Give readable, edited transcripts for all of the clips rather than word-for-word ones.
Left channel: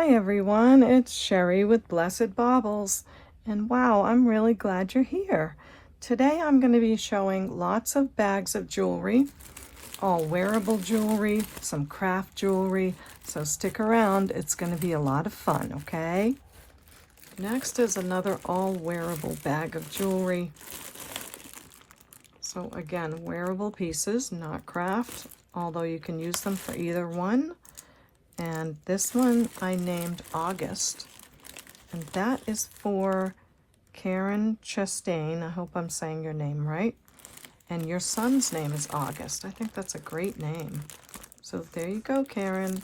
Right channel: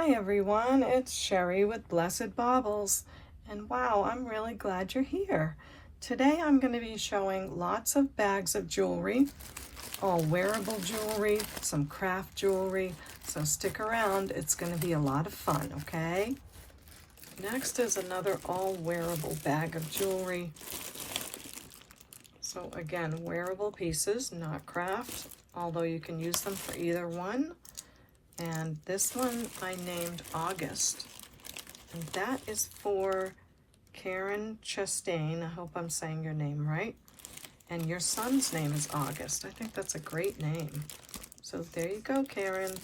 Hi everyone, it's Sherry with Blessed Baubles, and wow, I'm really glad you're here. Today I'm going to be showing lots of bags of jewelry, all wearable jewelry, some craft jewelry, so stick around, it's going to be a lot of fun, okay? Next is another all wearable bag of jewelry. So again, wearable pieces, not craft, although you can use them for either one. And this one I named August, and that is for Karen Chastain. I hope I'm saying your name right. And your son's name is August. I think that's a great name. So there you go, Karen.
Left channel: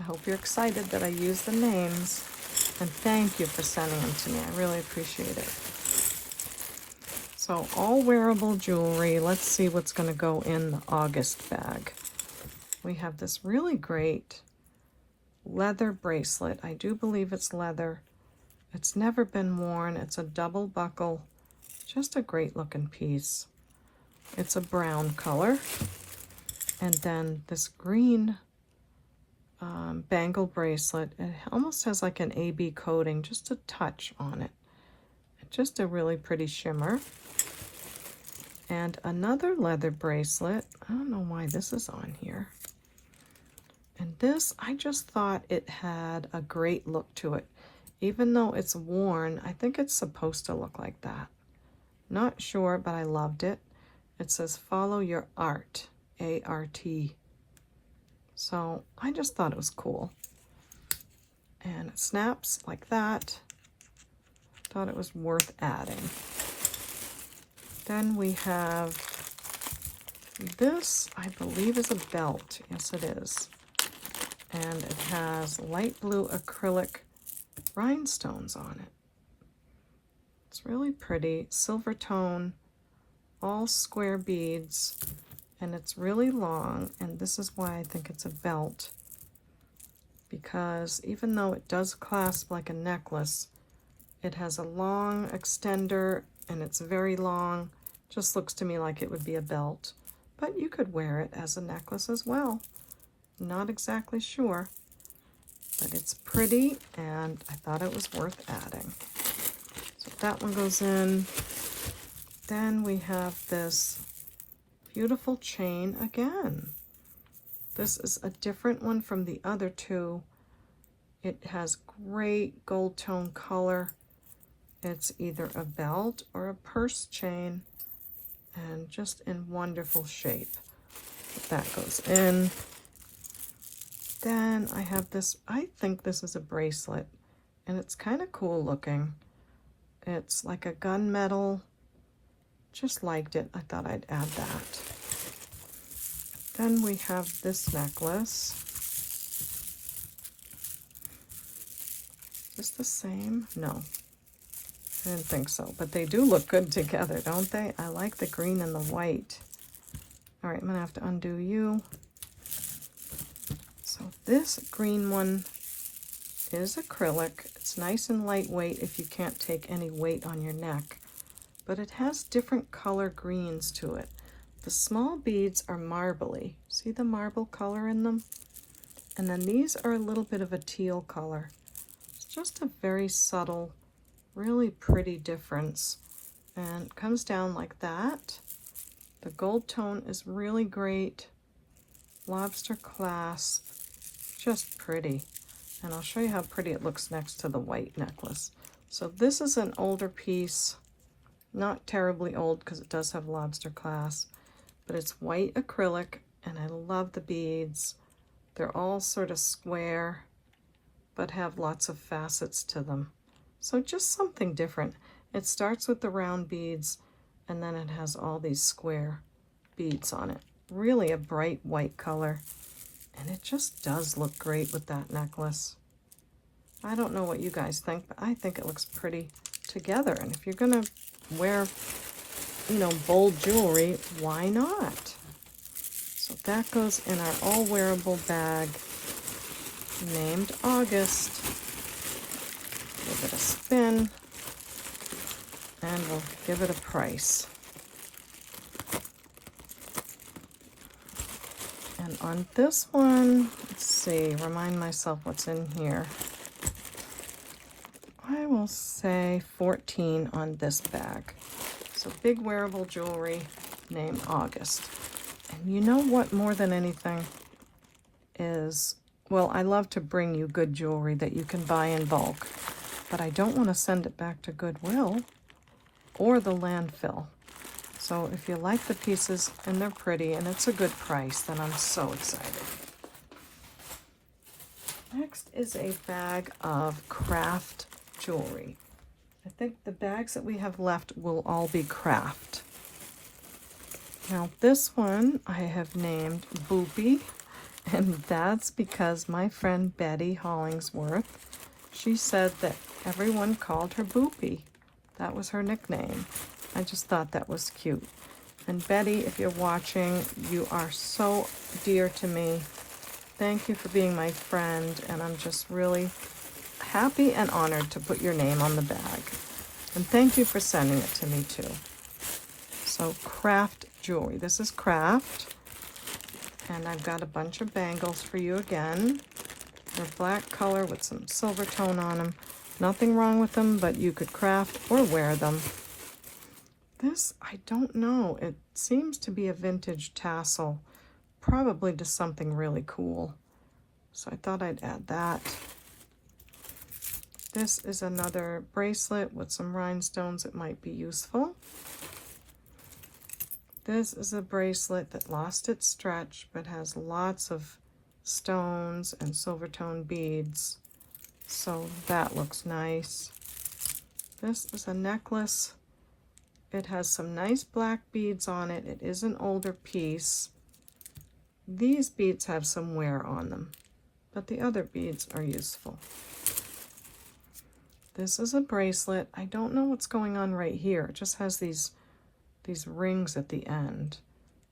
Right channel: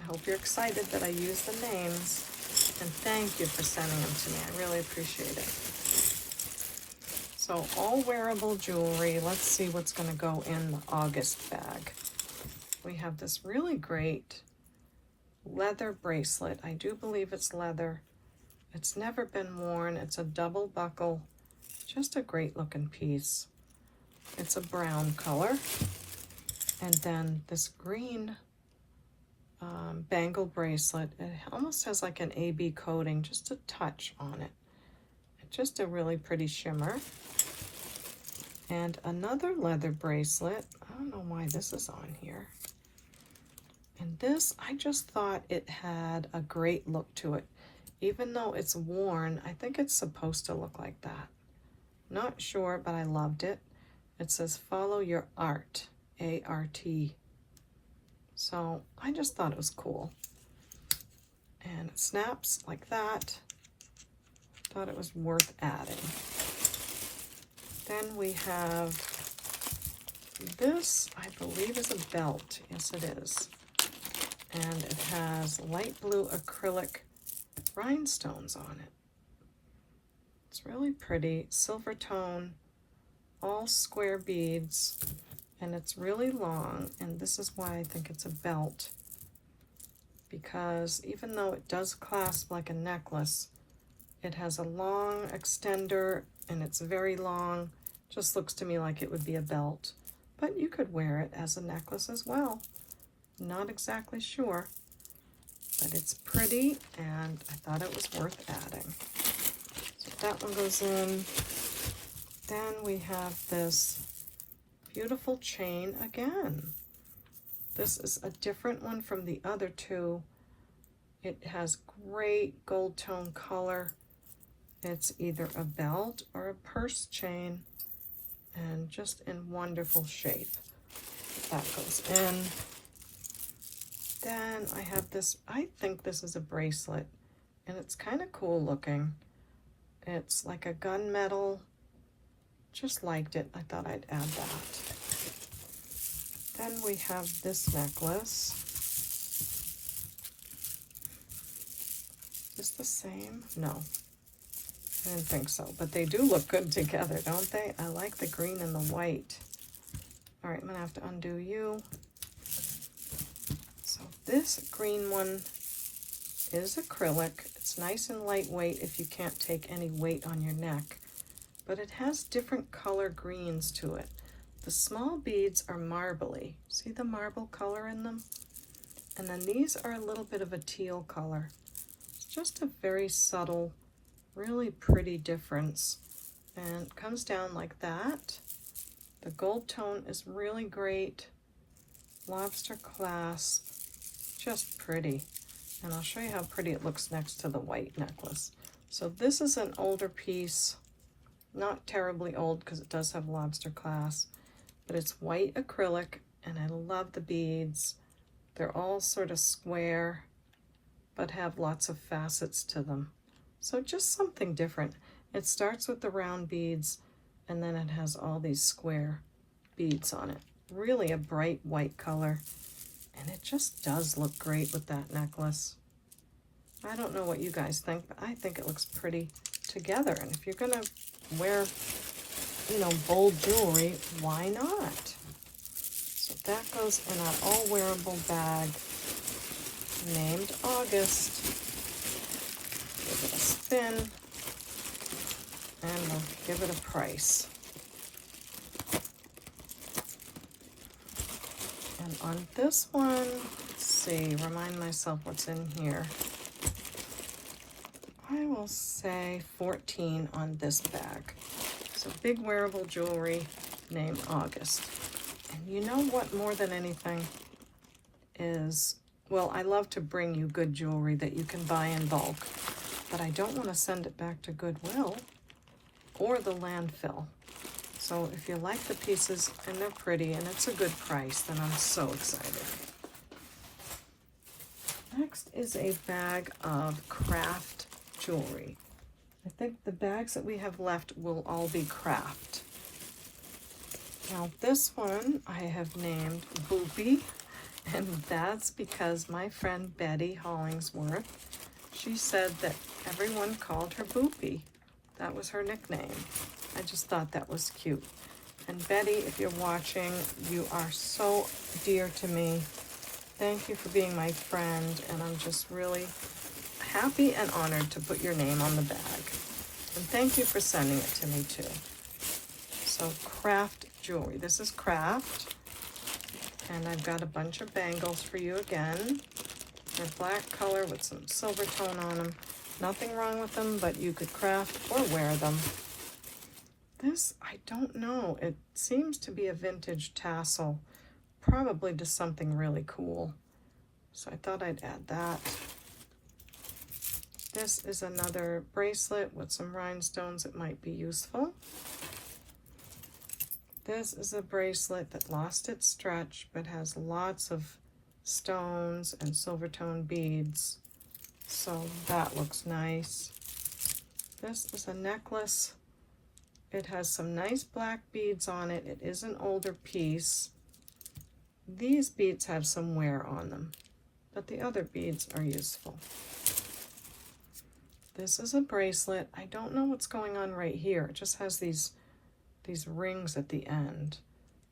I hope you're excited that I used the names. And thank you for sending them to me. I really appreciate it. So all wearable jewelry. Let's see what's going to go in the August bag. We have this really great leather bracelet. I do believe it's leather. It's never been worn. It's a double buckle. Just a great looking piece. It's a brown color. And then this green bangle bracelet. It almost has like an AB coating, just a touch on it. Just a really pretty shimmer. And another leather bracelet. I don't know why this is on here. And this, I just thought it had a great look to it. Even though it's worn, I think it's supposed to look like that. Not sure, but I loved it. It says, follow your art, A-R-T. So I just thought it was cool. And it snaps like that. Thought it was worth adding. Then we have this, I believe is a belt. Yes, it is. And it has light blue acrylic rhinestones on it. It's really pretty, silver tone, all square beads, and it's really long, and this is why I think it's a belt, because even though it does clasp like a necklace, it has a long extender, and it's very long. Just looks to me like it would be a belt, but you could wear it as a necklace as well. Not exactly sure, but it's pretty, and I thought it was worth adding. So that one goes in. Then we have this beautiful chain again. This is a different one from the other two. It has great gold tone color. It's either a belt or a purse chain, and just in wonderful shape. That goes in. Then I have this, I think this is a bracelet, and it's kind of cool looking. It's like a gunmetal. Just liked it. I thought I'd add that. Then we have this necklace. Is this the same? No, I didn't think so, but they do look good together, don't they? I like the green and the white. All right, I'm gonna have to undo you. So this green one is acrylic. It's nice and lightweight if you can't take any weight on your neck, but it has different color greens to it. The small beads are marbly. See the marble color in them? And then these are a little bit of a teal color. It's just a very subtle, really pretty difference. And it comes down like that. The gold tone is really great. Lobster clasp. Just pretty, and I'll show you how pretty it looks next to the white necklace. So this is an older piece, not terribly old because it does have lobster clasp, but it's white acrylic, and I love the beads. They're all sort of square, but have lots of facets to them. So just something different. It starts with the round beads, and then it has all these square beads on it. Really a bright white color. And it just does look great with that necklace. I don't know what you guys think, but I think it looks pretty together. And if you're gonna wear, you know, bold jewelry, why not? So that goes in our all wearable bag named August. Give it a spin, and we'll give it a price. And on this one, let's see, remind myself what's in here. I will say 14 on this bag. So big wearable jewelry named August. And you know what, more than anything is, well, I love to bring you good jewelry that you can buy in bulk, but I don't want to send it back to Goodwill or the landfill. So if you like the pieces and they're pretty and it's a good price, then I'm so excited. Next is a bag of craft jewelry. I think the bags that we have left will all be craft. Now this one I have named Boopy, and that's because my friend Betty Hollingsworth, she said that everyone called her Boopy. That was her nickname. I just thought that was cute. And Betty, if you're watching, you are so dear to me. Thank you for being my friend, and I'm just really happy and honored to put your name on the bag. And thank you for sending it to me too. So craft jewelry. This is craft. And I've got a bunch of bangles for you again. They're black color with some silver tone on them. Nothing wrong with them, but you could craft or wear them. This, I don't know. It seems to be a vintage tassel. Probably just something really cool. So I thought I'd add that. This is another bracelet with some rhinestones that might be useful. This is a bracelet that lost its stretch but has lots of stones and silver tone beads. So that looks nice. This is a necklace. It has some nice black beads on it. It is an older piece. These beads have some wear on them, but the other beads are useful. This is a bracelet. I don't know what's going on right here. It just has these rings at the end,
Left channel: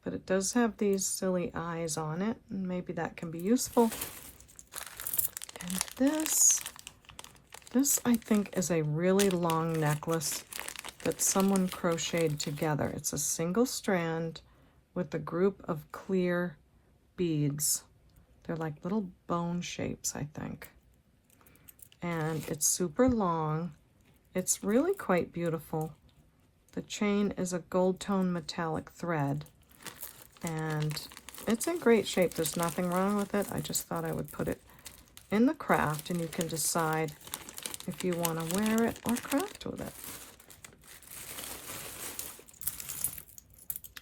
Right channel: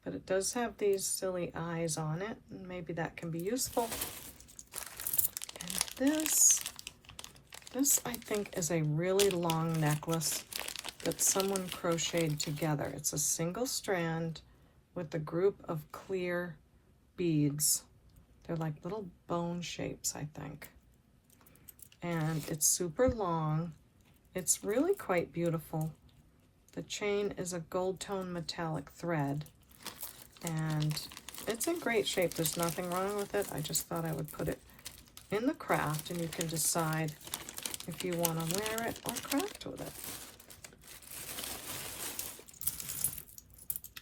but it does have these silly eyes on it, and maybe that can be useful. And this I think is a really long necklace that someone crocheted together. It's a single strand with a group of clear beads. They're like little bone shapes, I think. And it's super long. It's really quite beautiful. The chain is a gold tone metallic thread, and it's in great shape. There's nothing wrong with it. I just thought I would put it in the craft, and you can decide if you want to wear it or craft with it.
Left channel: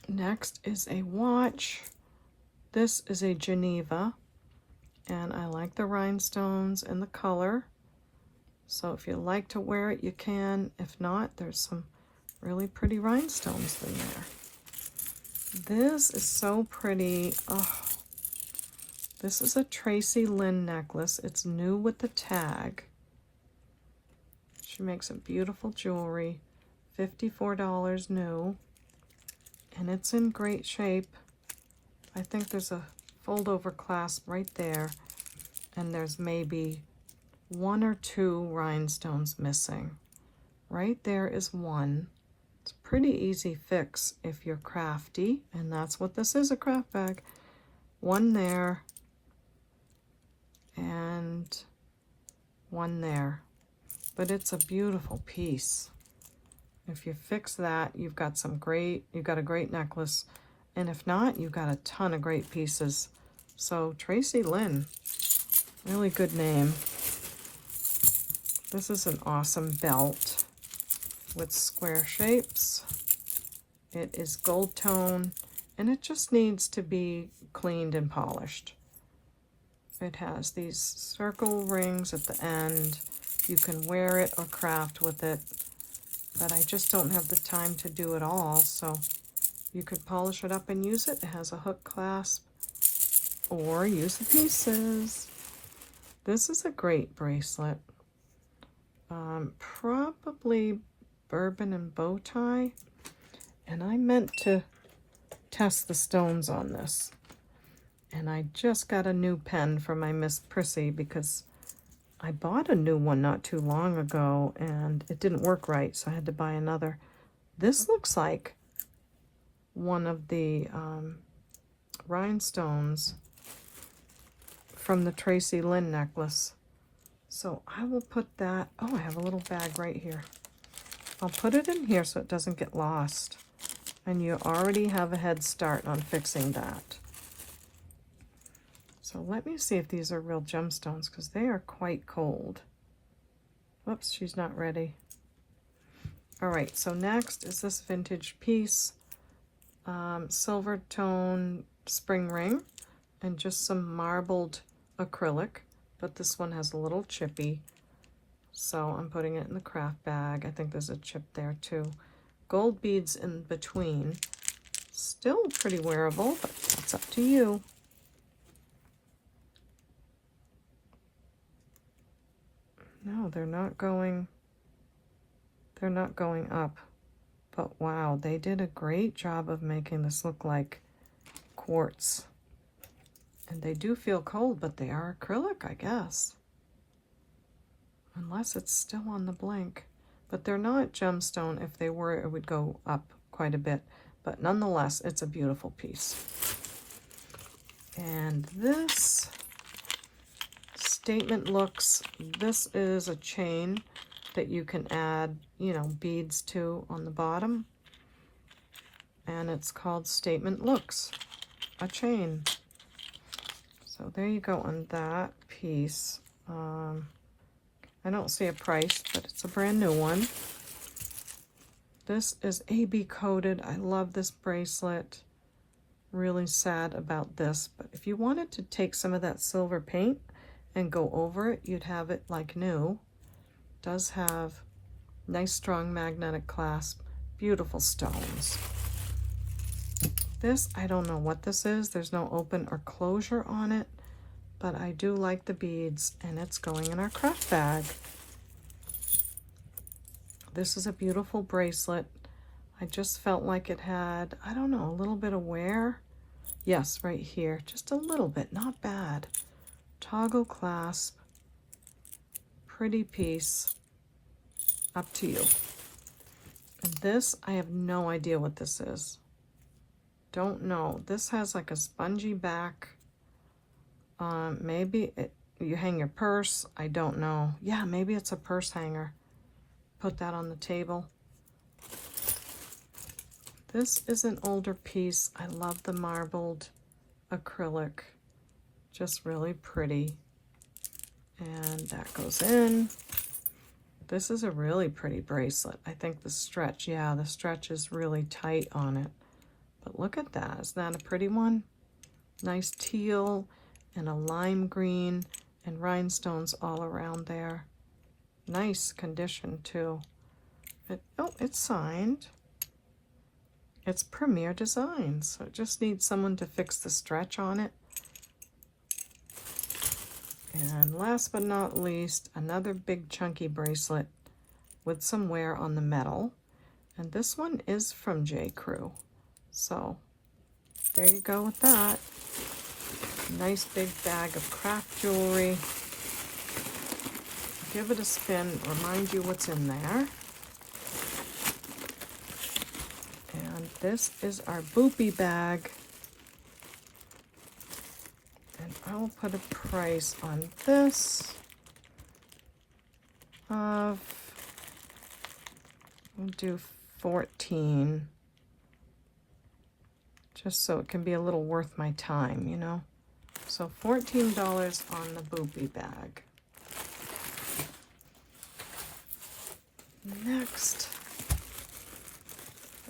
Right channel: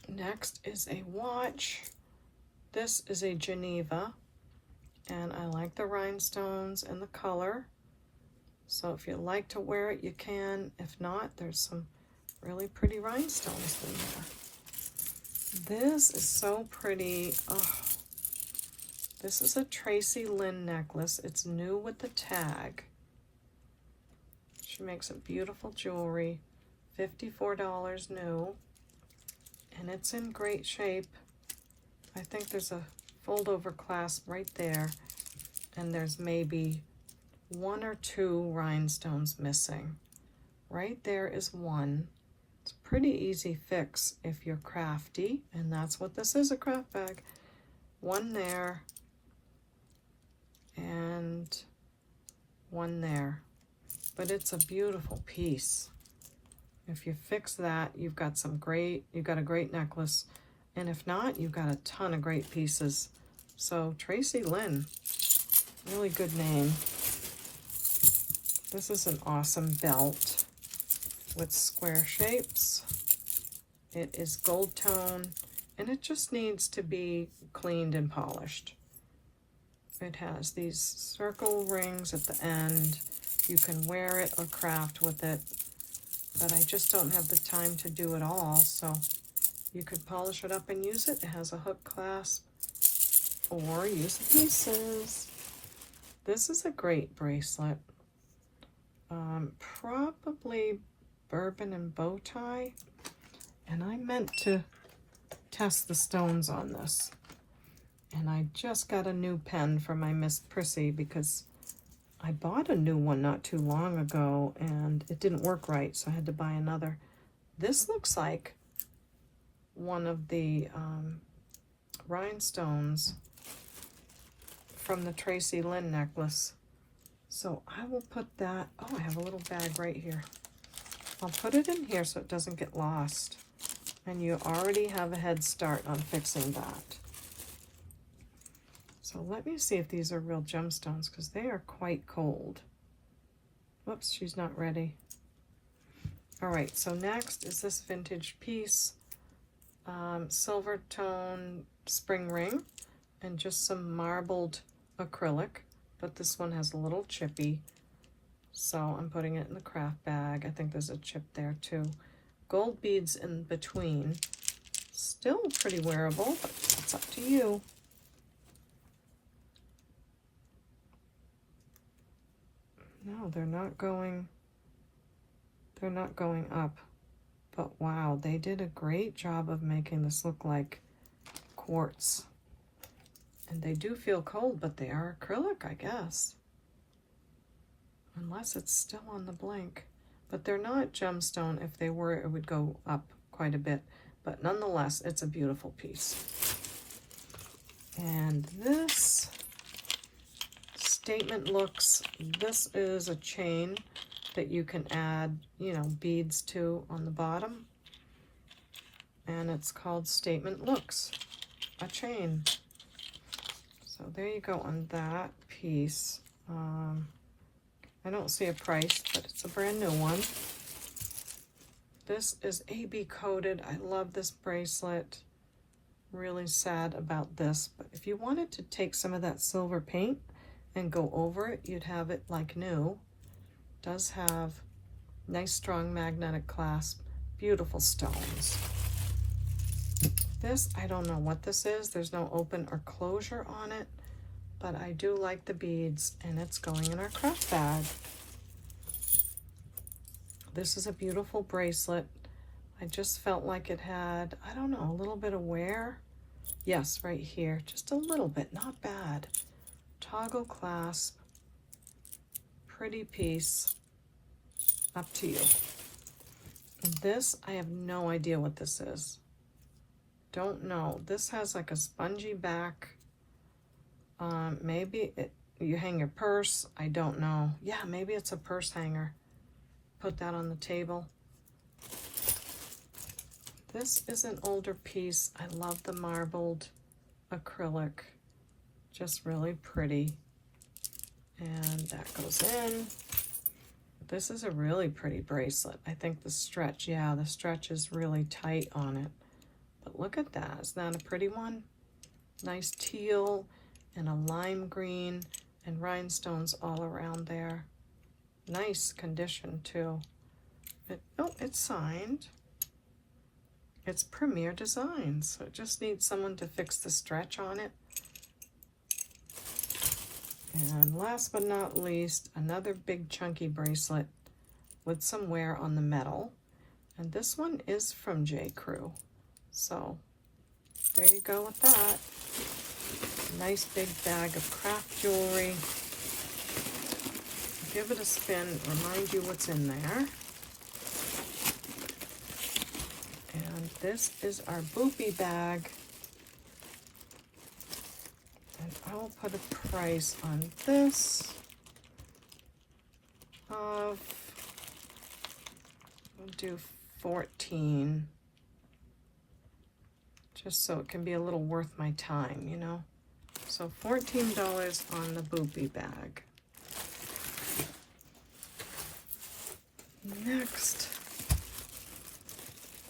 Next is a watch. This is a Geneva, and I like the rhinestones and the color. So if you like to wear it, you can. If not, there's some really pretty rhinestones in there. This is so pretty. Oh, this is a Tracy Lynn necklace. It's new with the tag. She makes a beautiful jewelry. $54 new. And it's in great shape. I think there's a fold over clasp right there. And there's maybe 1 or 2 rhinestones missing. Right there is one. It's a pretty easy fix if you're crafty, and that's what this is, a craft bag. One there, and one there. But it's a beautiful piece. If you fix that, you've got a great necklace. And if not, you've got a ton of great pieces. So Tracy Lynn, really good name. This is an awesome belt with square shapes. It is gold tone, and it just needs to be cleaned and polished. It has these circle rings at the end. You can wear it or craft with it, but I just don't have the time to do it all, so you could polish it up and use it. It has a hook clasp, or use the pieces. This is a great bracelet. Probably bourbon and bow tie, and I meant to test the stones on this, and I just got a new pen for my Miss Prissy because I bought a new one not too long ago and it didn't work right, so I had to buy another. This looks like one of the rhinestones from the Tracy Lynn necklace. So I will put that, oh, I have a little bag right here. I'll put it in here so it doesn't get lost. And you already have a head start on fixing that. So let me see if these are real gemstones, because they are quite cold. Whoops, she's not ready. All right, so next is this vintage piece, silver tone spring ring, and just some marbled acrylic, but this one has a little chippy, so I'm putting it in the craft bag. I think there's a chip there too. Gold beads in between. Still pretty wearable, but it's up to you. No, they're not going up. But wow, they did a great job of making this look like quartz. And they do feel cold, but they are acrylic, I guess. Unless it's still on the blink. But they're not gemstone. If they were, it would go up quite a bit. But nonetheless, it's a beautiful piece. And this Statement Looks, this is a chain that you can add, you know, beads to on the bottom. And it's called Statement Looks, a chain. So there you go on that piece. I don't see a price, but it's a brand new one. This is AB coated. I love this bracelet. Really sad about this, but if you wanted to take some of that silver paint and go over it, you'd have it like new. Does have nice strong magnetic clasp, beautiful stones. This, I don't know what this is. There's no open or closure on it, but I do like the beads, and it's going in our craft bag. This is a beautiful bracelet. I just felt like it had, I don't know, a little bit of wear. Yes, right here, just a little bit, not bad. Toggle clasp, pretty piece, up to you. And this, I have no idea what this is. Don't know. This has like a spongy back. Maybe you hang your purse. I don't know. Yeah, maybe it's a purse hanger. Put that on the table. This is an older piece. I love the marbled acrylic. Just really pretty. And that goes in. This is a really pretty bracelet. I think the stretch, yeah, the stretch is really tight on it. But look at that. Isn't that a pretty one? Nice teal and a lime green and rhinestones all around there. Nice condition too. It's signed. It's Premier Designs, so it just needs someone to fix the stretch on it. And last but not least, another big chunky bracelet with some wear on the metal. And this one is from J. Crew. So there you go with that. Nice big bag of craft jewelry. Give it a spin, remind you what's in there. And this is our Boopy bag. And I'll put a price on this of, we'll do 14, just so it can be a little worth my time, you know. So $14 on the Boopy bag. Next,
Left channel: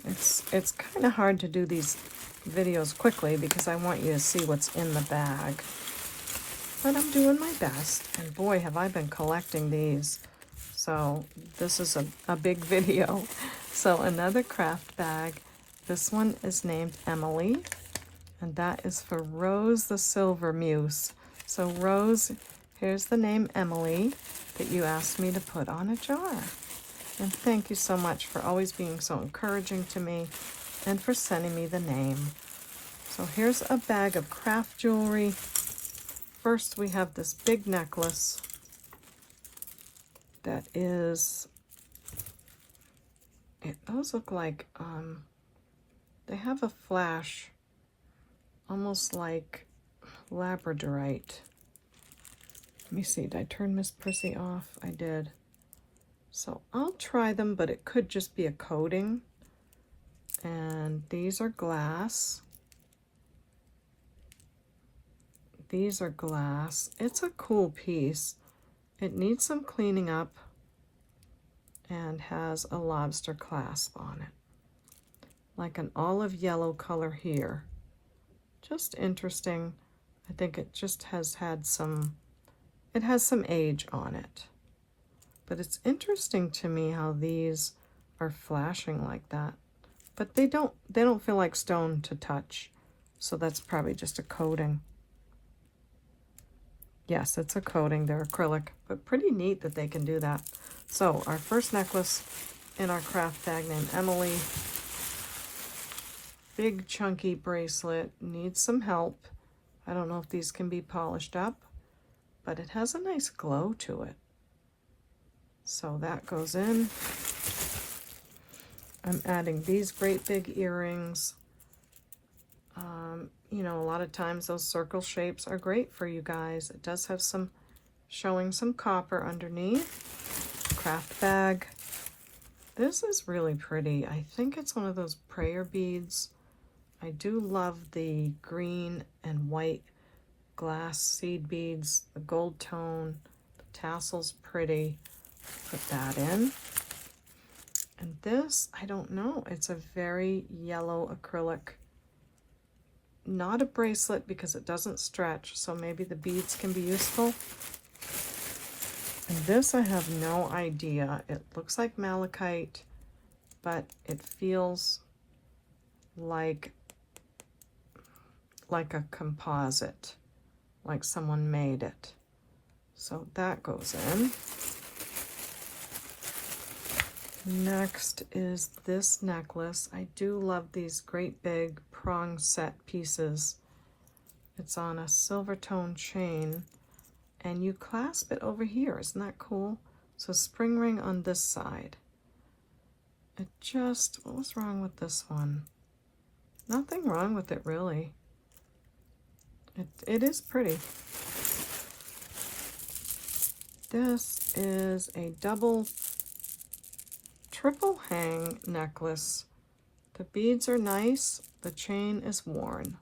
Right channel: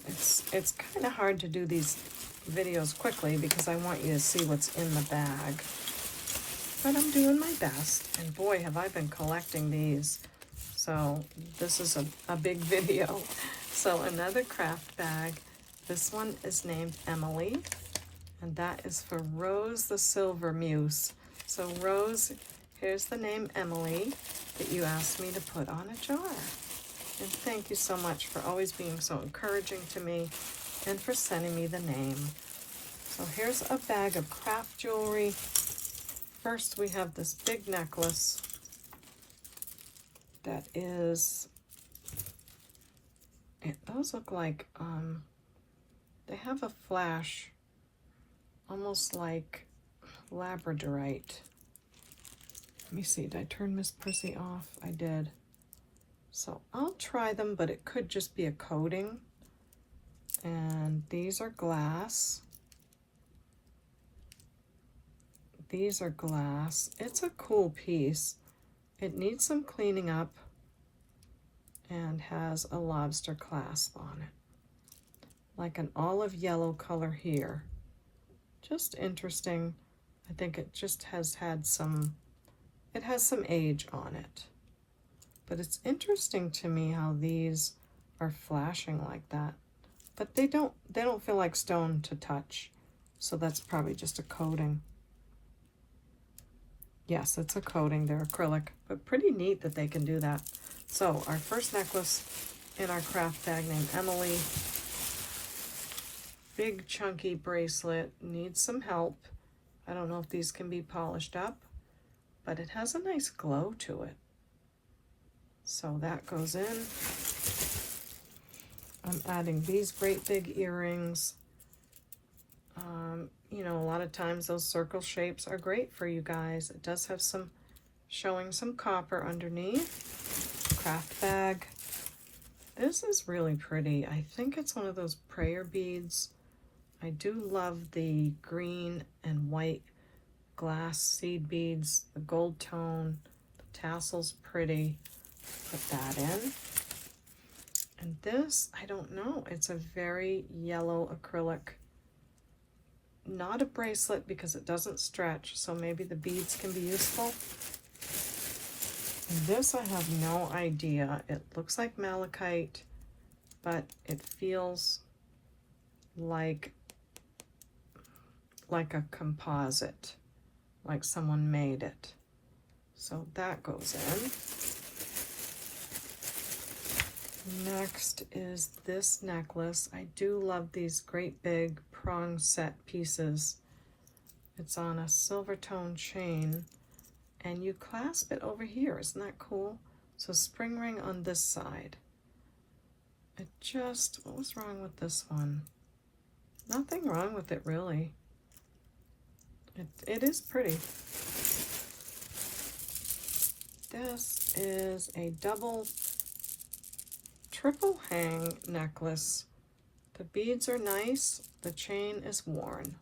it's kind of hard to do these videos quickly because I want you to see what's in the bag, but I'm doing my best, and boy have I been collecting these, so this is a big video. So another craft bag. This one is named Emily, and that is for Rose the Silver Muse. So Rose, here's the name Emily that you asked me to put on a jar. And thank you so much for always being so encouraging to me and for sending me the name. So here's a bag of craft jewelry. First we have this big necklace that is, those look like, they have a flash, almost like labradorite. Let me see, did I turn Miss Prissy off? I did. So I'll try them, but it could just be a coating. And these are glass. These are glass. It's a cool piece. It needs some cleaning up and has a lobster clasp on it. Like an olive yellow color here. Just interesting. I think it just has had some, it has some age on it. But it's interesting to me how these are flashing like that. But they don't feel like stone to touch. So that's probably just a coating. Yes, it's a coating, they're acrylic, but pretty neat that they can do that. So our first necklace in our craft bag named Emily. Big chunky bracelet, needs some help. I don't know if these can be polished up, but it has a nice glow to it. So that goes in. I'm adding these great big earrings. You know, a lot of times those circle shapes are great for you guys. It does have some, showing some copper underneath. Craft bag. This is really pretty. I think it's one of those prayer beads. I do love the green and white glass seed beads, the gold tone, the tassel's pretty. Put that in. And this, I don't know, it's a very yellow acrylic. Not a bracelet because it doesn't stretch, so maybe the beads can be useful. And this I have no idea. It looks like malachite, but it feels like a composite, like someone made it. So that goes in. Next is this necklace. I do love these great big prong set pieces. It's on a silver tone chain and you clasp it over here. Isn't that cool? So spring ring on this side. It just, what was wrong with this one? Nothing wrong with it really. It is pretty. This is a triple hang necklace. The beads are nice, the chain is worn.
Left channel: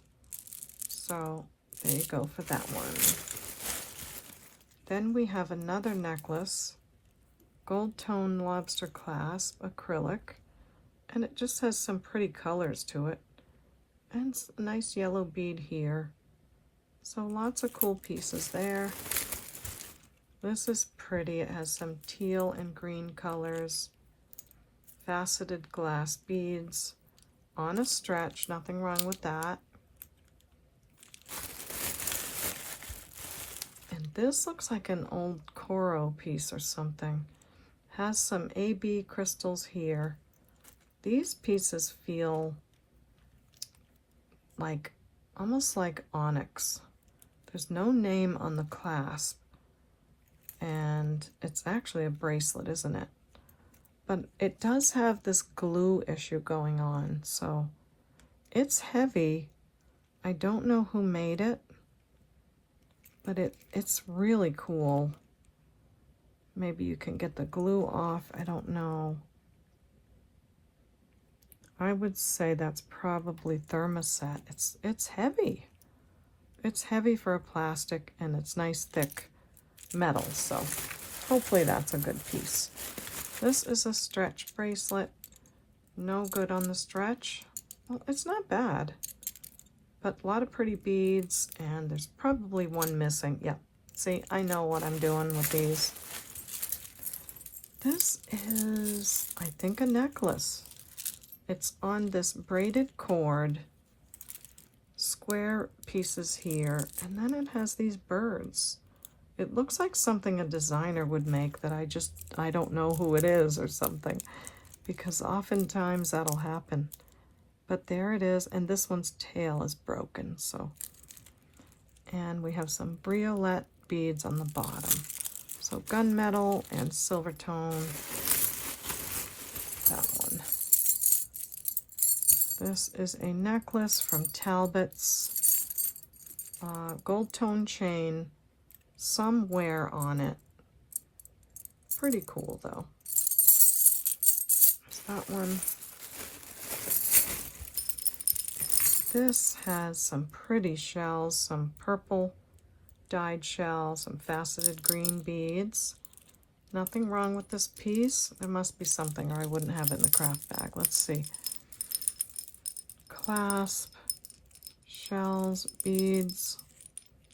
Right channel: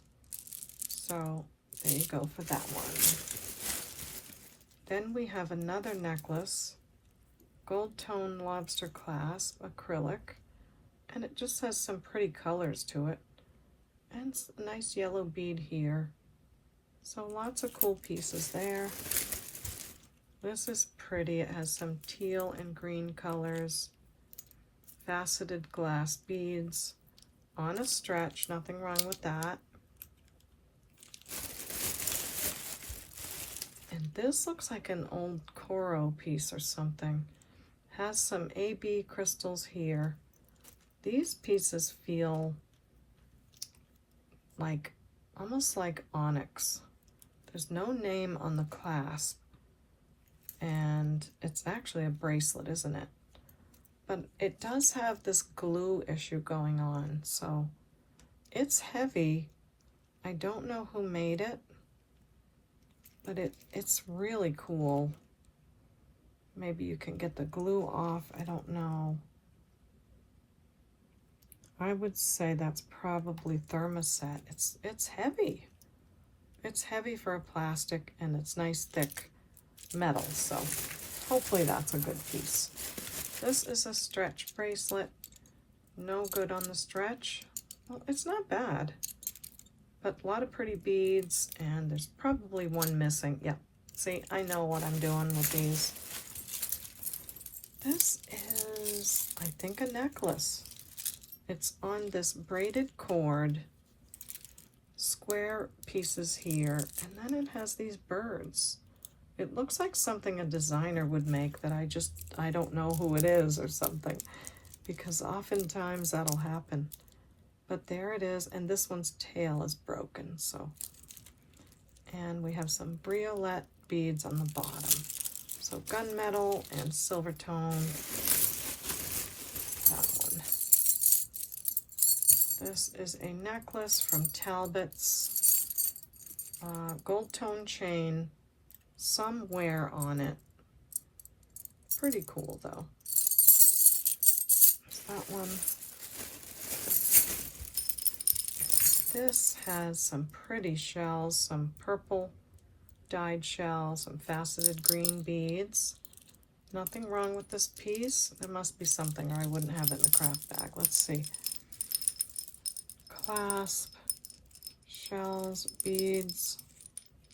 So there you go for that one. Then we have another necklace, gold tone lobster clasp, acrylic, and it just has some pretty colors to it. And a nice yellow bead here. So lots of cool pieces there. This is pretty, it has some teal and green colors. Faceted glass beads on a stretch, nothing wrong with that. And this looks like an old Coro piece or something. Has some AB crystals here. These pieces feel like, almost like onyx. There's no name on the clasp. And it's actually a bracelet, isn't it? But it does have this glue issue going on, so it's heavy. I don't know who made it, but it's really cool. Maybe you can get the glue off, I don't know. I would say that's probably thermoset. It's heavy. It's heavy for a plastic and it's nice thick metal, so hopefully that's a good piece. This is a stretch bracelet. No good on the stretch. Well, it's not bad, but a lot of pretty beads, and there's probably one missing. Yeah, see, I know what I'm doing with these. This is, I think, a necklace. It's on this braided cord, square pieces here, and then it has these birds. It looks like something a designer would make that I don't know who it is or something, because oftentimes that'll happen. But there it is, and this one's tail is broken, so. And we have some briolette beads on the bottom. So gunmetal and silver tone, that one. This is a necklace from Talbot's, gold tone chain. some wear on it. Pretty cool though. There's that one. This has some pretty shells, some purple dyed shells, some faceted green beads. Nothing wrong with this piece. There must be something or I wouldn't have it in the craft bag. Let's see. Clasp, shells, beads.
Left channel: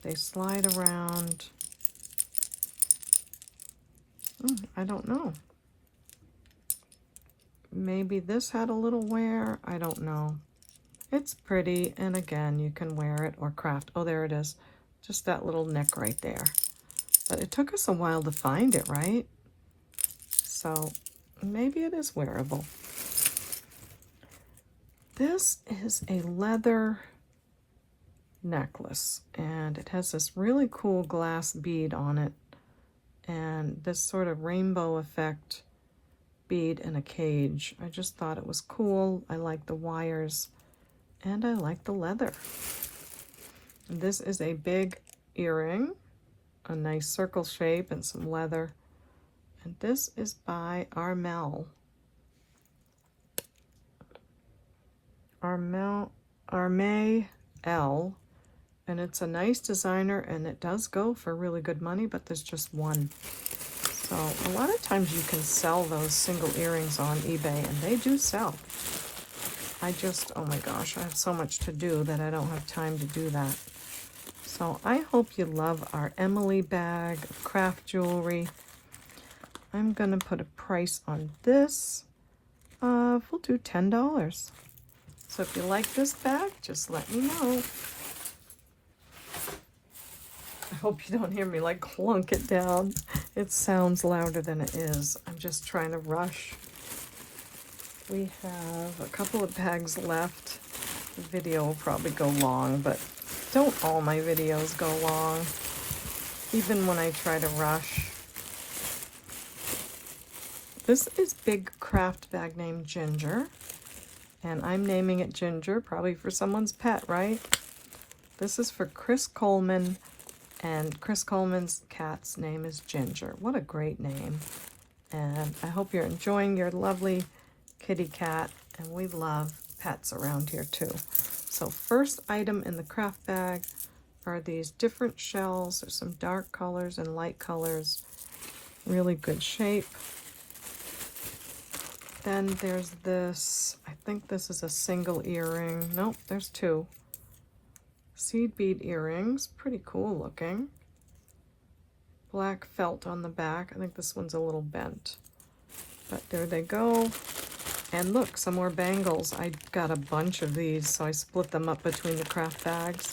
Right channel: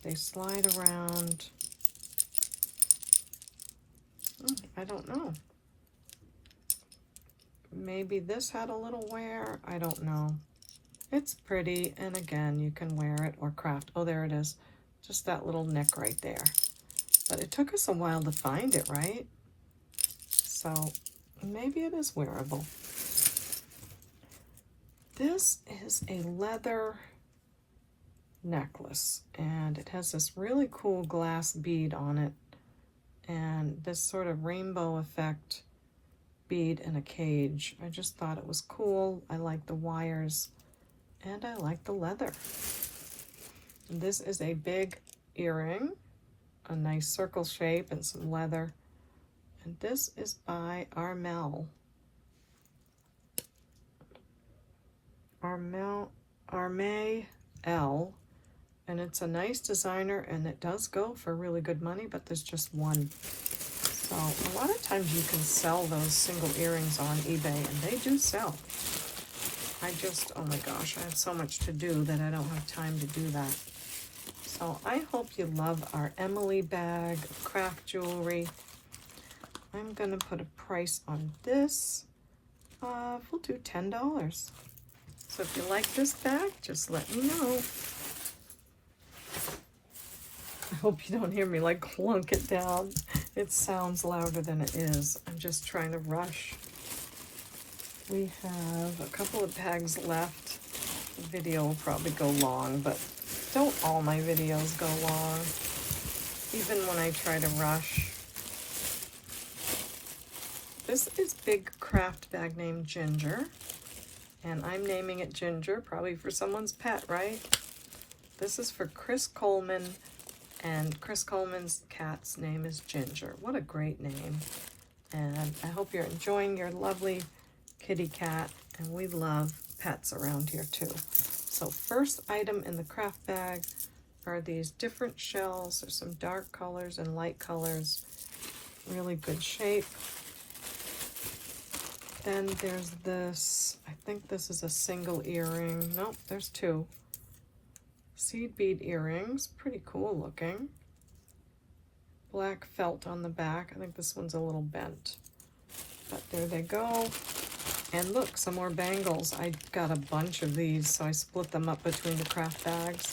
They slide around. I don't know. Maybe this had a little wear. I don't know. It's pretty, and again, you can wear it or craft. Oh, there it is. Just that little neck right there. But it took us a while to find it, right? So maybe it is wearable. This is a leather necklace, and it has this really cool glass bead on it, and this sort of rainbow effect bead in a cage. I just thought it was cool. I like the wires, and I like the leather. And this is a big earring, a nice circle shape and some leather. And this is by Armel. Armel, and it's a nice designer, and it does go for really good money, but there's just one. So a lot of times you can sell those single earrings on eBay, and they do sell. I just, oh my gosh, I have so much to do that I don't have time to do that. So I hope you love our Emily bag of craft jewelry. I'm gonna put a price on this. We'll do $10. So if you like this bag, just let me know. I hope you don't hear me like clunk it down. It sounds louder than it is. I'm just trying to rush. We have a couple of bags left. The video will probably go long, but don't all my videos go long, even when I try to rush. This is big craft bag named Ginger, and I'm naming it Ginger, probably for someone's pet, right? This is for Chris Coleman, and Chris Coleman's cat's name is Ginger. What a great name. And I hope you're enjoying your lovely kitty cat, and we love pets around here too. So first item in the craft bag are these different shells. There's some dark colors and light colors. Really good shape. Then there's this, I think this is a single earring. Nope, there's two. Seed bead earrings, pretty cool looking. Black felt on the back. I think this one's a little bent. But there they go. And look, some more bangles. I got a bunch of these, so I split them up between the craft bags.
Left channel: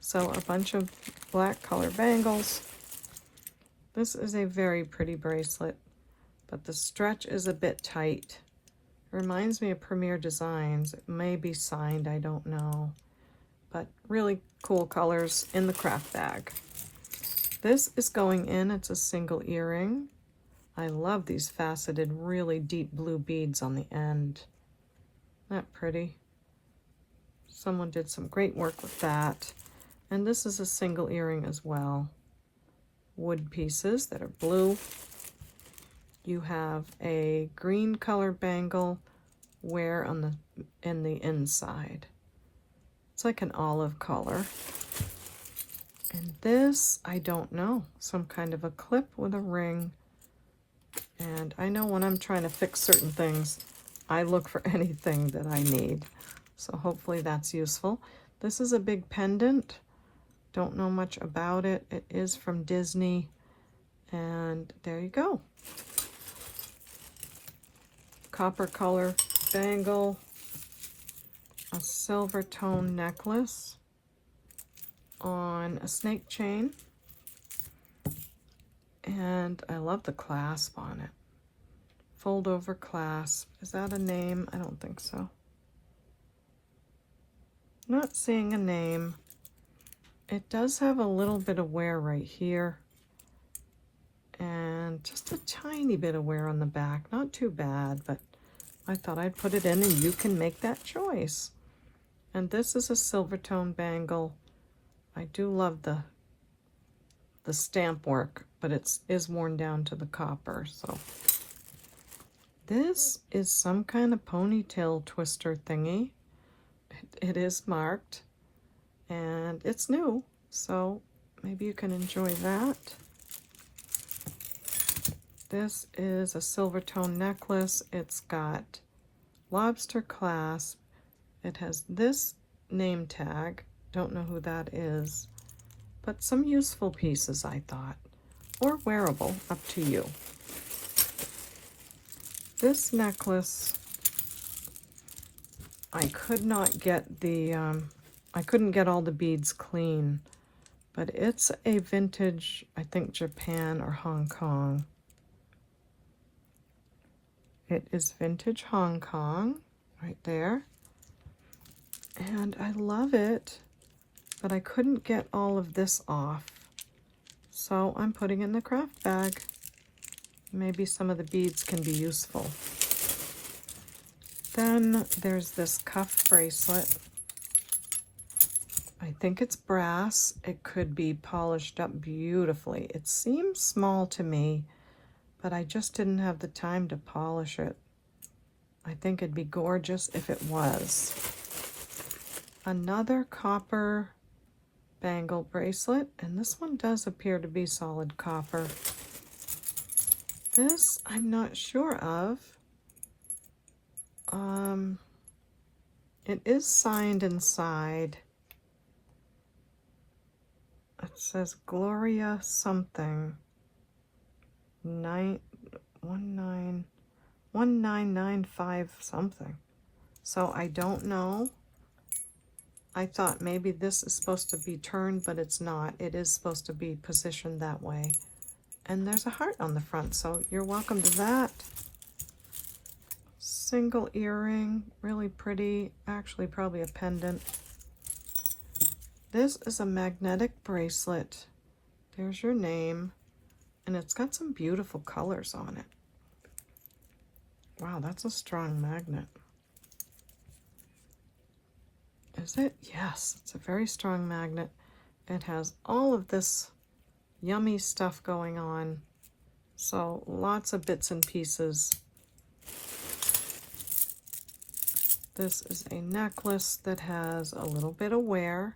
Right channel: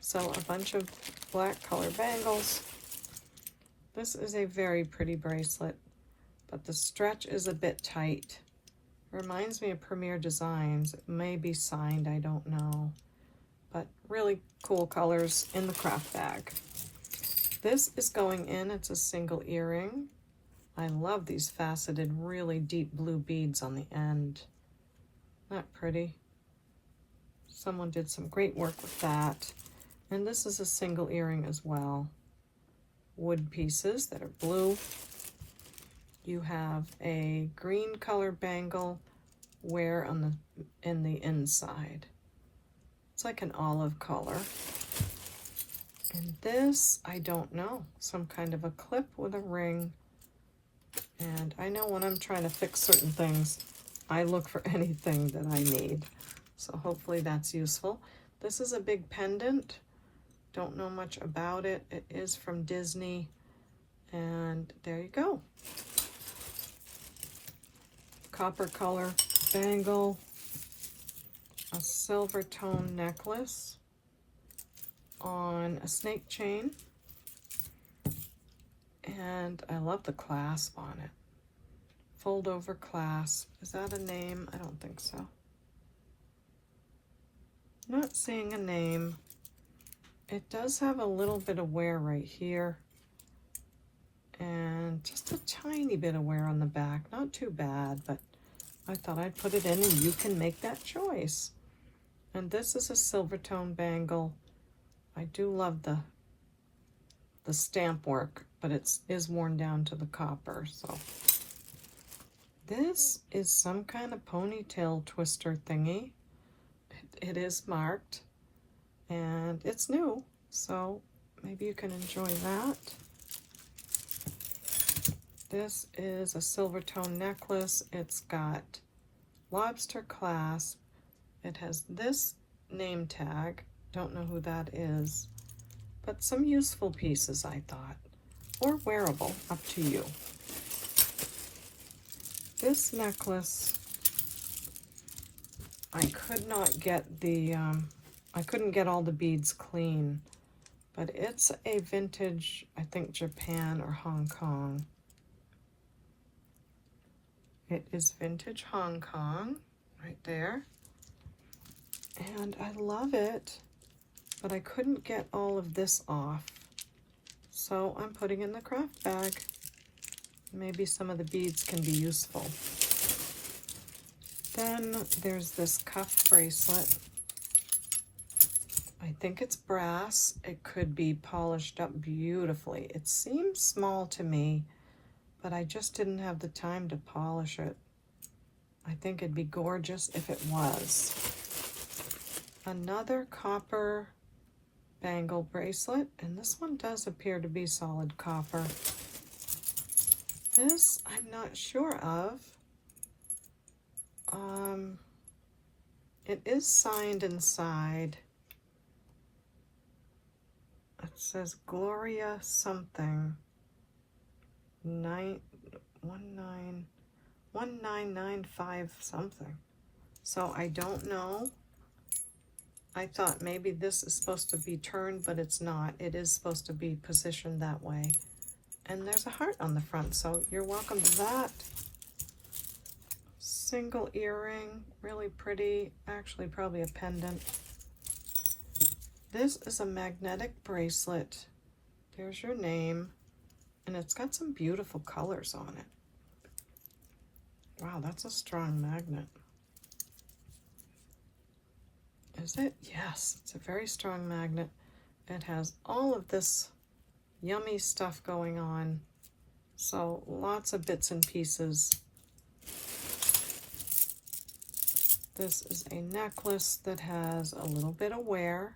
So a bunch of black color bangles. This is a very pretty bracelet, but the stretch is a bit tight. It reminds me of Premier Designs. It may be signed, I don't know. But really cool colors in the craft bag. This is going in. It's a single earring. I love these faceted, really deep blue beads on the end. Isn't that pretty? Someone did some great work with that. And this is a single earring as well. Wood pieces that are blue. You have a green color bangle wear on in the inside. It's like an olive color. And this, I don't know, some kind of a clip with a ring. And I know when I'm trying to fix certain things, I look for anything that I need. So hopefully that's useful. This is a big pendant. Don't know much about it. It is from Disney. And there you go. Copper color bangle. A silver tone necklace on a snake chain. And I love the clasp on it. Fold over clasp. Is that a name? I don't think so. Not seeing a name. It does have a little bit of wear right here. And just a tiny bit of wear on the back. Not too bad, but I thought I'd put it in and you can make that choice. And this is a silver tone bangle. I do love the the stamp work, but it is worn down to the copper. So this is some kind of ponytail twister thingy. It is marked, and it's new, so maybe you can enjoy that. This is a silver tone necklace. It's got lobster clasp. It has this name tag. Don't know who that is, but some useful pieces, I thought, or wearable, up to you. This necklace, I could not get the, I couldn't get all the beads clean, but it's a vintage, I think Japan or Hong Kong. It is vintage Hong Kong, right there. And I love it, but I couldn't get all of this off. So I'm putting it in the craft bag. Maybe some of the beads can be useful. Then there's this cuff bracelet. I think it's brass. It could be polished up beautifully. It seems small to me, but I just didn't have the time to polish it. I think it'd be gorgeous if it was. Another copper bangle bracelet, and this one does appear to be solid copper. This I'm not sure of. It is signed inside. It says Gloria something. 1995 something. So I don't know. I thought maybe this is supposed to be turned, but it's not. It is supposed to be positioned that way. And there's a heart on the front, so you're welcome to that. Single earring, really pretty. Actually, probably a pendant. This is a magnetic bracelet. There's your name. And it's got some beautiful colors on it. Wow, that's a strong magnet. Is it? Yes, it's a very strong magnet. It has all of this yummy stuff going on. So lots of bits and pieces. This is a necklace that has a little bit of wear.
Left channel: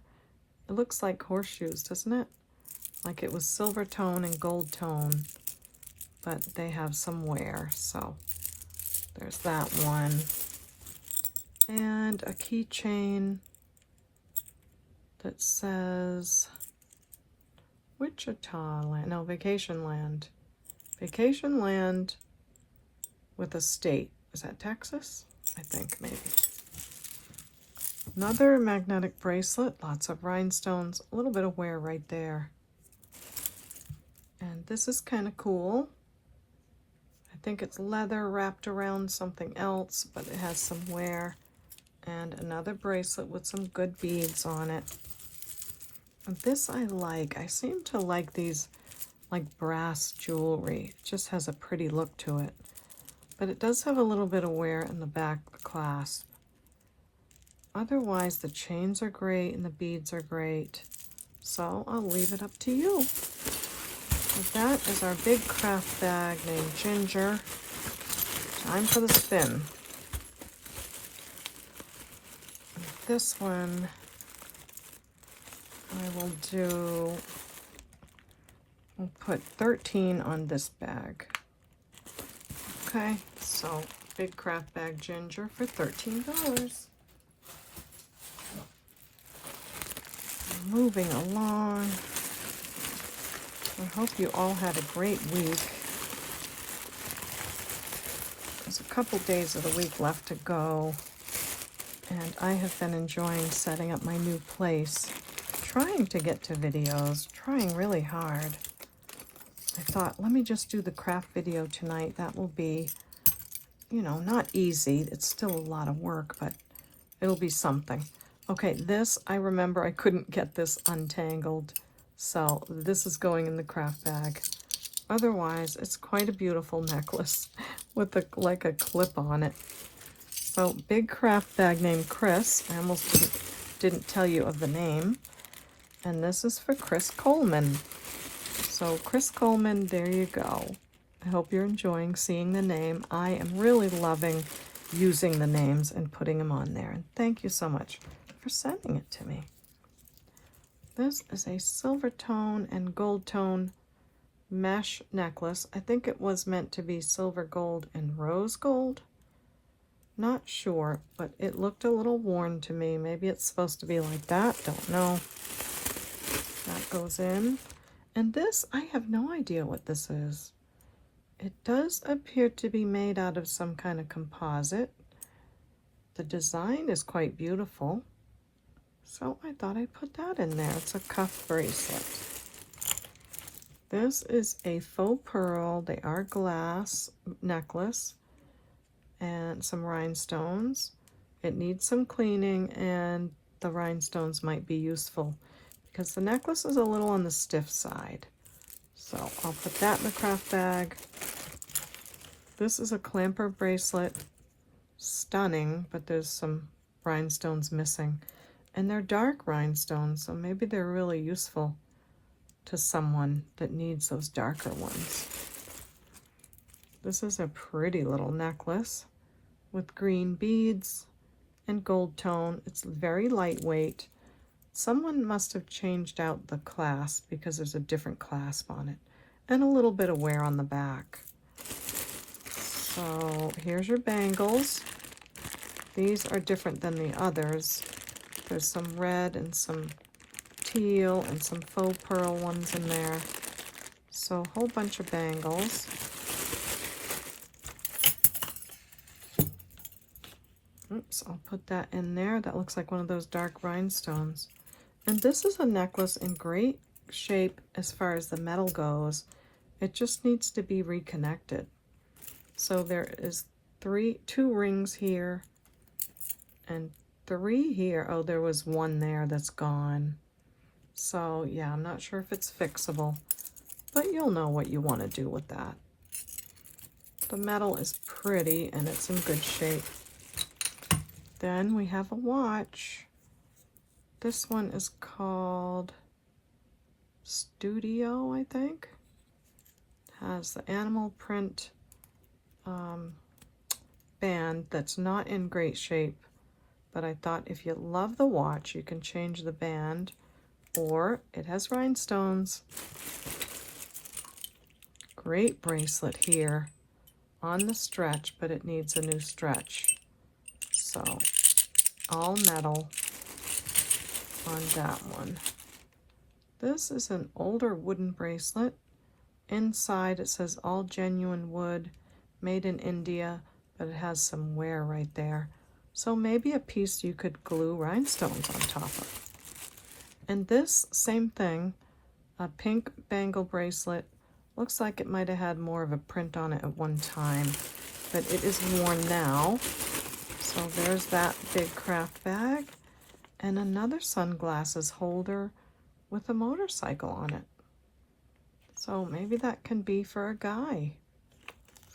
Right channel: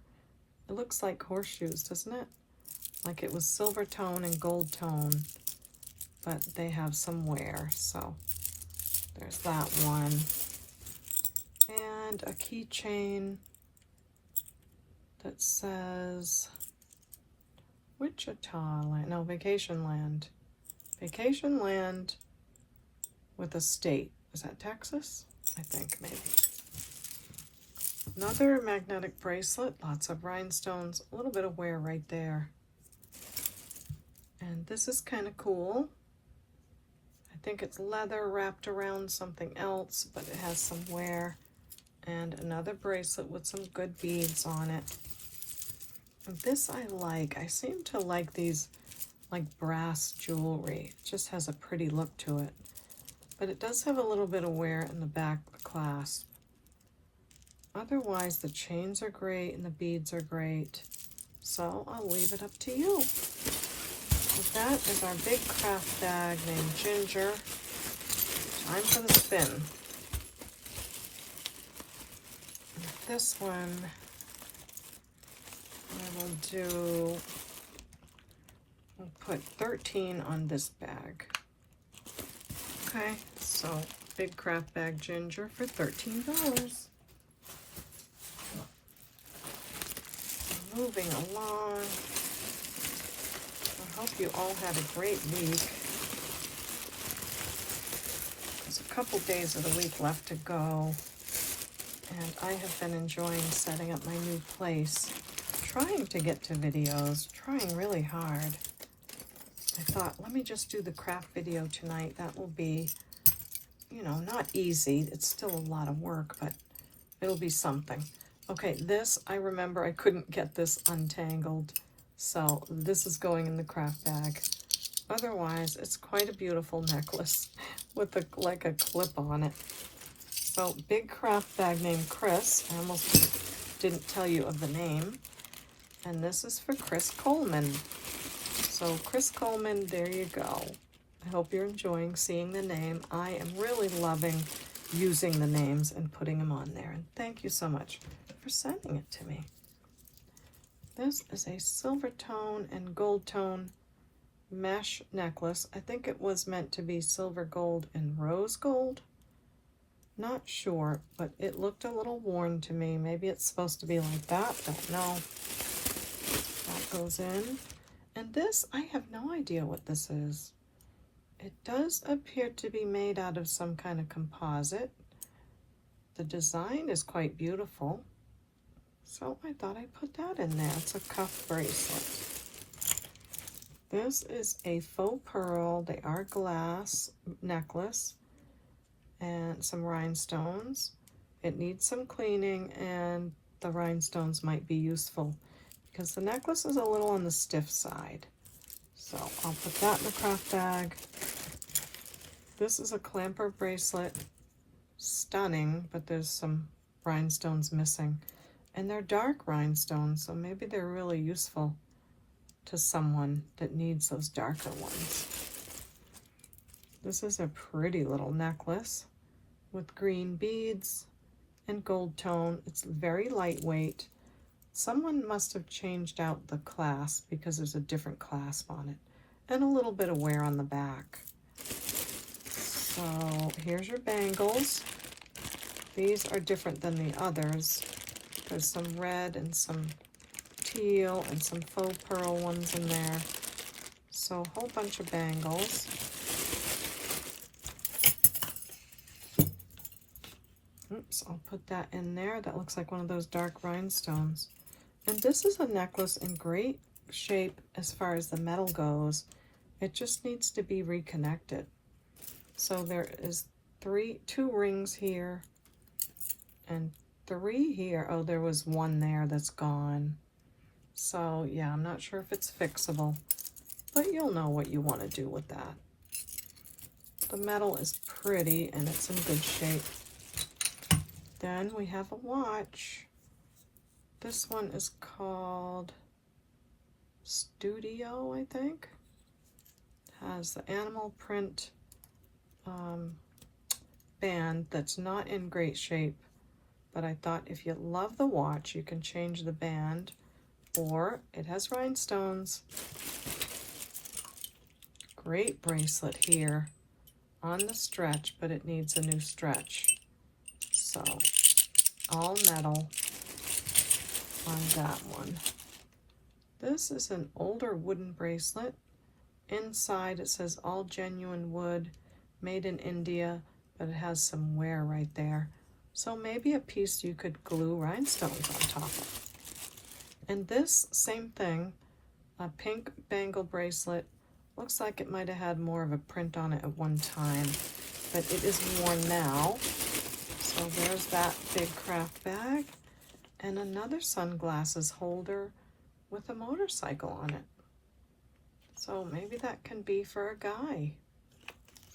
It looks like horseshoes, doesn't it? Like it was silver tone and gold tone, but they have some wear. So there's that one. And a keychain that says Wichita Land, no, Vacation Land. Vacation Land with a state. Is that Texas? I think maybe. Another magnetic bracelet, lots of rhinestones, a little bit of wear right there. And this is kind of cool. I think it's leather wrapped around something else, but it has some wear. And another bracelet with some good beads on it. And this I like. I seem to like these like brass jewelry. It just has a pretty look to it. But it does have a little bit of wear in the back of the clasp. Otherwise, the chains are great and the beads are great. So I'll leave it up to you. That is our big craft bag named Ginger. Time for the spin. This one I will do, we'll put 13 on this bag. Okay, so big craft bag Ginger for $13. Moving along. I hope you all had a great week. There's a couple days of the week left to go. And I have been enjoying setting up my new place. Trying to get to videos. Trying really hard. I thought, let me just do the craft video tonight. That will be, you know, not easy. It's still a lot of work, but it'll be something. Okay, this, I remember I couldn't get this untangled. So this is going in the craft bag. Otherwise, it's quite a beautiful necklace with like a clip on it. So big craft bag named Chris. I almost didn't tell you of the name. And this is for Chris Coleman. So Chris Coleman, there you go. I hope you're enjoying seeing the name. I am really loving using the names and putting them on there. And thank you so much for sending it to me. This is a silver tone and gold tone mesh necklace. I think it was meant to be silver gold and rose gold. Not sure, but it looked a little worn to me. Maybe it's supposed to be like that. Don't know. That goes in. And this, I have no idea what this is. It does appear to be made out of some kind of composite. The design is quite beautiful. So I thought I'd put that in there. It's a cuff bracelet. This is a faux pearl. They are glass necklace and some rhinestones. It needs some cleaning, and the rhinestones might be useful because the necklace is a little on the stiff side. So I'll put that in the craft bag. This is a clamper bracelet. Stunning, but there's some rhinestones missing. And they're dark rhinestones, so maybe they're really useful to someone that needs those darker ones. This is a pretty little necklace with green beads and gold tone. It's very lightweight. Someone must have changed out the clasp because there's a different clasp on it. And a little bit of wear on the back. So here's your bangles. These are different than the others. There's some red and some teal and some faux pearl ones in there. So a whole bunch of bangles. Oops, I'll put that in there. That looks like one of those dark rhinestones. And this is a necklace in great shape as far as the metal goes. It just needs to be reconnected. So there is two rings here and 3 here. Oh, there was one there that's gone. So yeah, I'm not sure if it's fixable, but you'll know what you want to do with that. The metal is pretty and it's in good shape. Then we have a watch. This one is called Studio, I think. It has the animal print band that's not in great shape, but I thought if you love the watch, you can change the band, or it has rhinestones. Great bracelet here on the stretch, but it needs a new stretch. So all metal on that one. This is an older wooden bracelet. Inside it says all genuine wood, made in India, but it has some wear right there. So maybe a piece you could glue rhinestones on top of. And this, same thing, a pink bangle bracelet. Looks like it might have had more of a print on it at one time, but it is worn now. So there's that big craft bag. And another sunglasses holder with a motorcycle on it. So maybe that can be for a guy.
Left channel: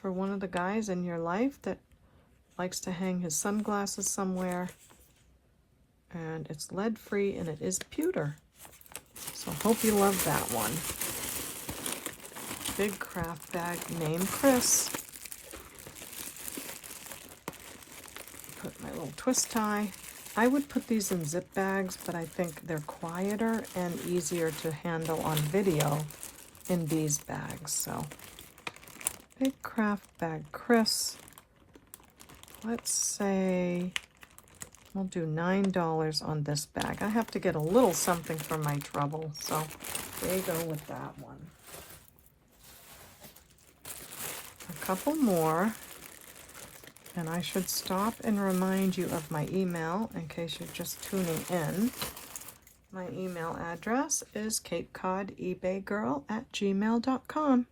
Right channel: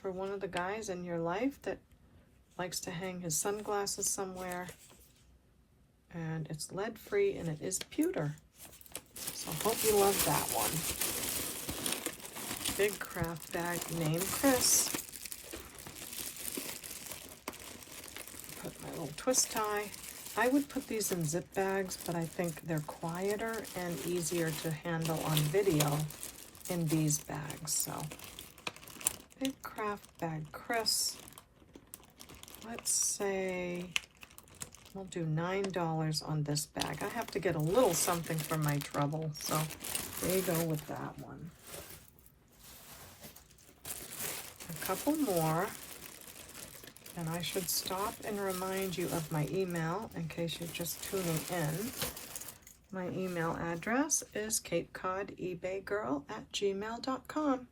For one of the guys in your life that likes to hang his sunglasses somewhere. And it's lead free and it is pewter. So I hope you love that one. Big craft bag named Chris. Put my little twist tie. I would put these in zip bags, but I think they're quieter and easier to handle on video in these bags. So big craft bag Chris. Let's say we'll do $9 on this bag. I have to get a little something for my trouble, so there you go with that one. A couple more, and I should stop and remind you of my email in case you're just tuning in. My email address is CapeCodEbayGirl@gmail.com.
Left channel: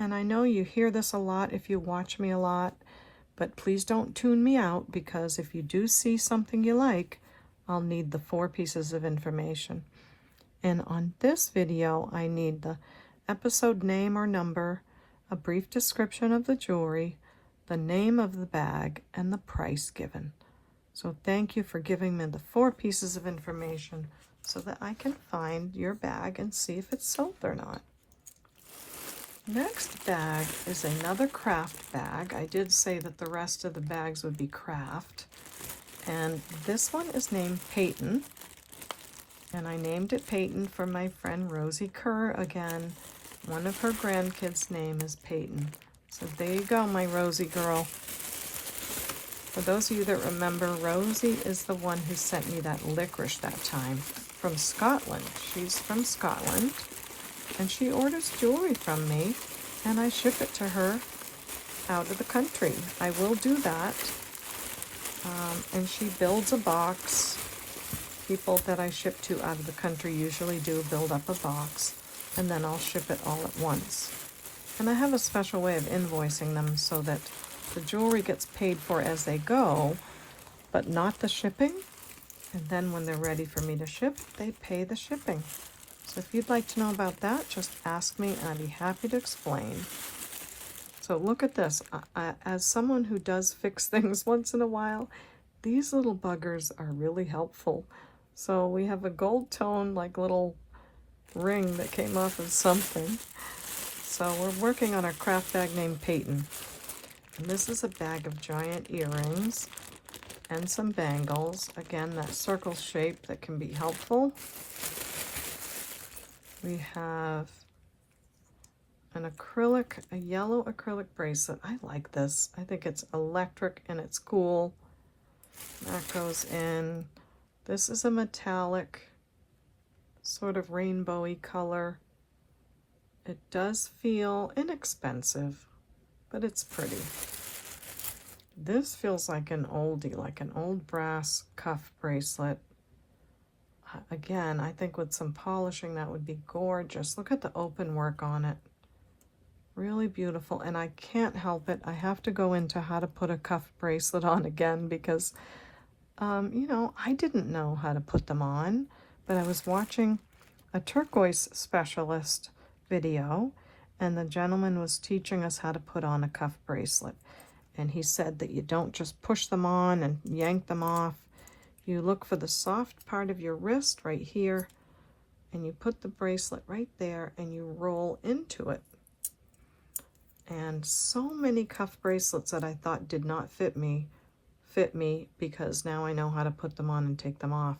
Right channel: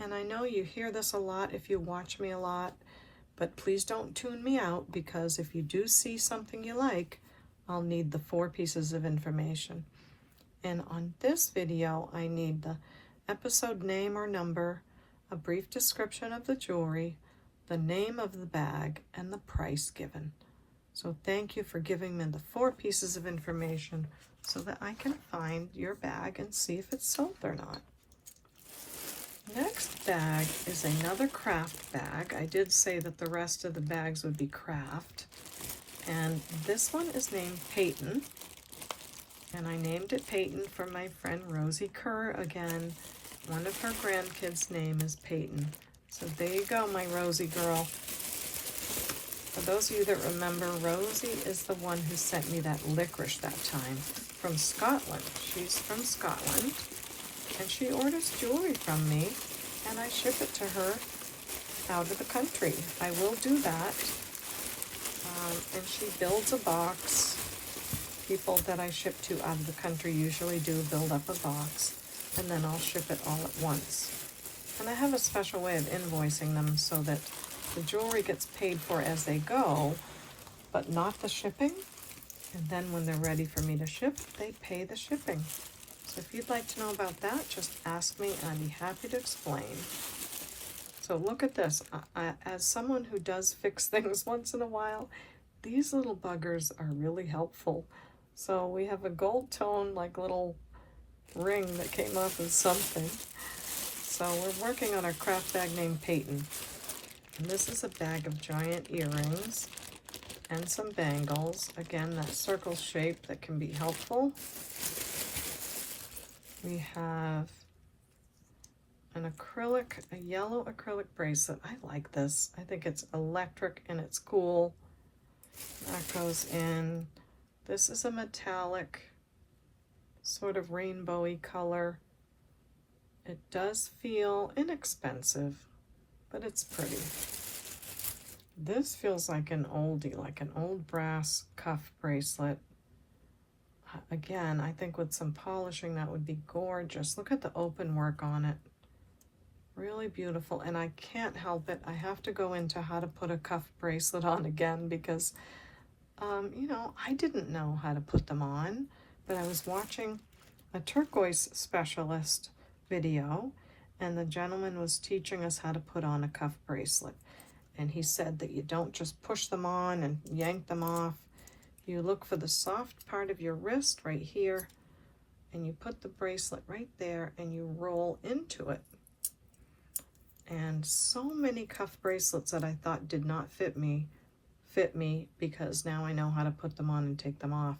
And I know you hear this a lot if you watch me a lot, but please don't tune me out, because if you do see something you like, I'll need the 4 pieces of information. And on this video, I need the episode name or number, a brief description of the jewelry, the name of the bag, and the price given. So thank you for giving me the 4 pieces of information so that I can find your bag and see if it's sold or not. Next bag is another craft bag. I did say that the rest of the bags would be craft. And this one is named Payton. And I named it Payton for my friend Rosie Kerr. Again, one of her grandkids' name is Payton. So there you go, my Rosie girl. For those of you that remember, Rosie is the one who sent me that licorice that time from Scotland. She's from Scotland, and she orders jewelry from me, and I ship it to her out of the country. I will do that. And she builds a box. People that I ship to out of the country usually do build up a box, and then I'll ship it all at once. And I have a special way of invoicing them so that the jewelry gets paid for as they go, but not the shipping. And then when they're ready for me to ship, they pay the shipping. So if you'd like to know about that, just ask me and I'd be happy to explain. So look at this. As someone who does fix things once in a while, these little buggers are really helpful. So we have a gold tone, like little ring that came off of something. So we're working on our craft bag named Payton. And this is a bag of giant earrings and some bangles. Again, that circle shape that can be helpful. We have an acrylic, a yellow acrylic bracelet. I like this. I think it's electric and it's cool. That goes in. This is a metallic, sort of rainbowy color. It does feel inexpensive, but it's pretty. This feels like an oldie, like an old brass cuff bracelet. Again, I think with some polishing that would be gorgeous. Look at the open work on it. Really beautiful, and I can't help it. I have to go into how to put a cuff bracelet on again because you know, I didn't know how to put them on, but I was watching a turquoise specialist video, and the gentleman was teaching us how to put on a cuff bracelet. And he said that you don't just push them on and yank them off. You look for the soft part of your wrist right here, and you put the bracelet right there, and you roll into it. And so many cuff bracelets that I thought did not fit me because now I know how to put them on and take them off.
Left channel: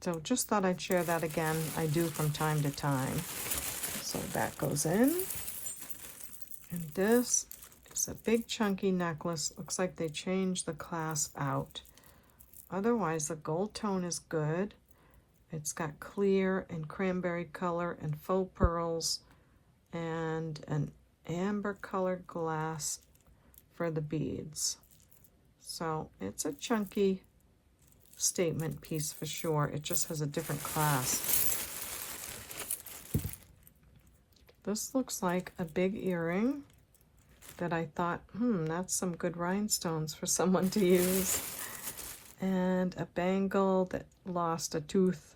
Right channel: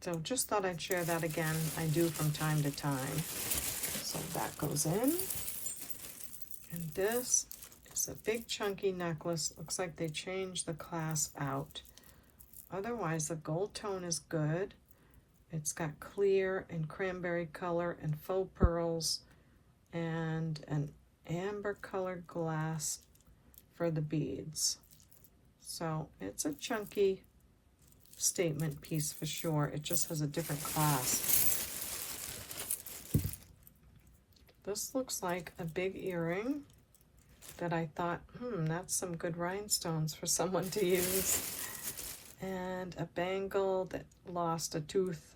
So just thought I'd share that again. I do from time to time. So that goes in. And this is a big chunky necklace. Looks like they changed the clasp out. Otherwise, the gold tone is good. It's got clear and cranberry color and faux pearls and an amber colored glass for the beads. So it's a chunky statement piece for sure. It just has a different clasp. This looks like a big earring that I thought, that's some good rhinestones for someone to use. And a bangle that lost a tooth.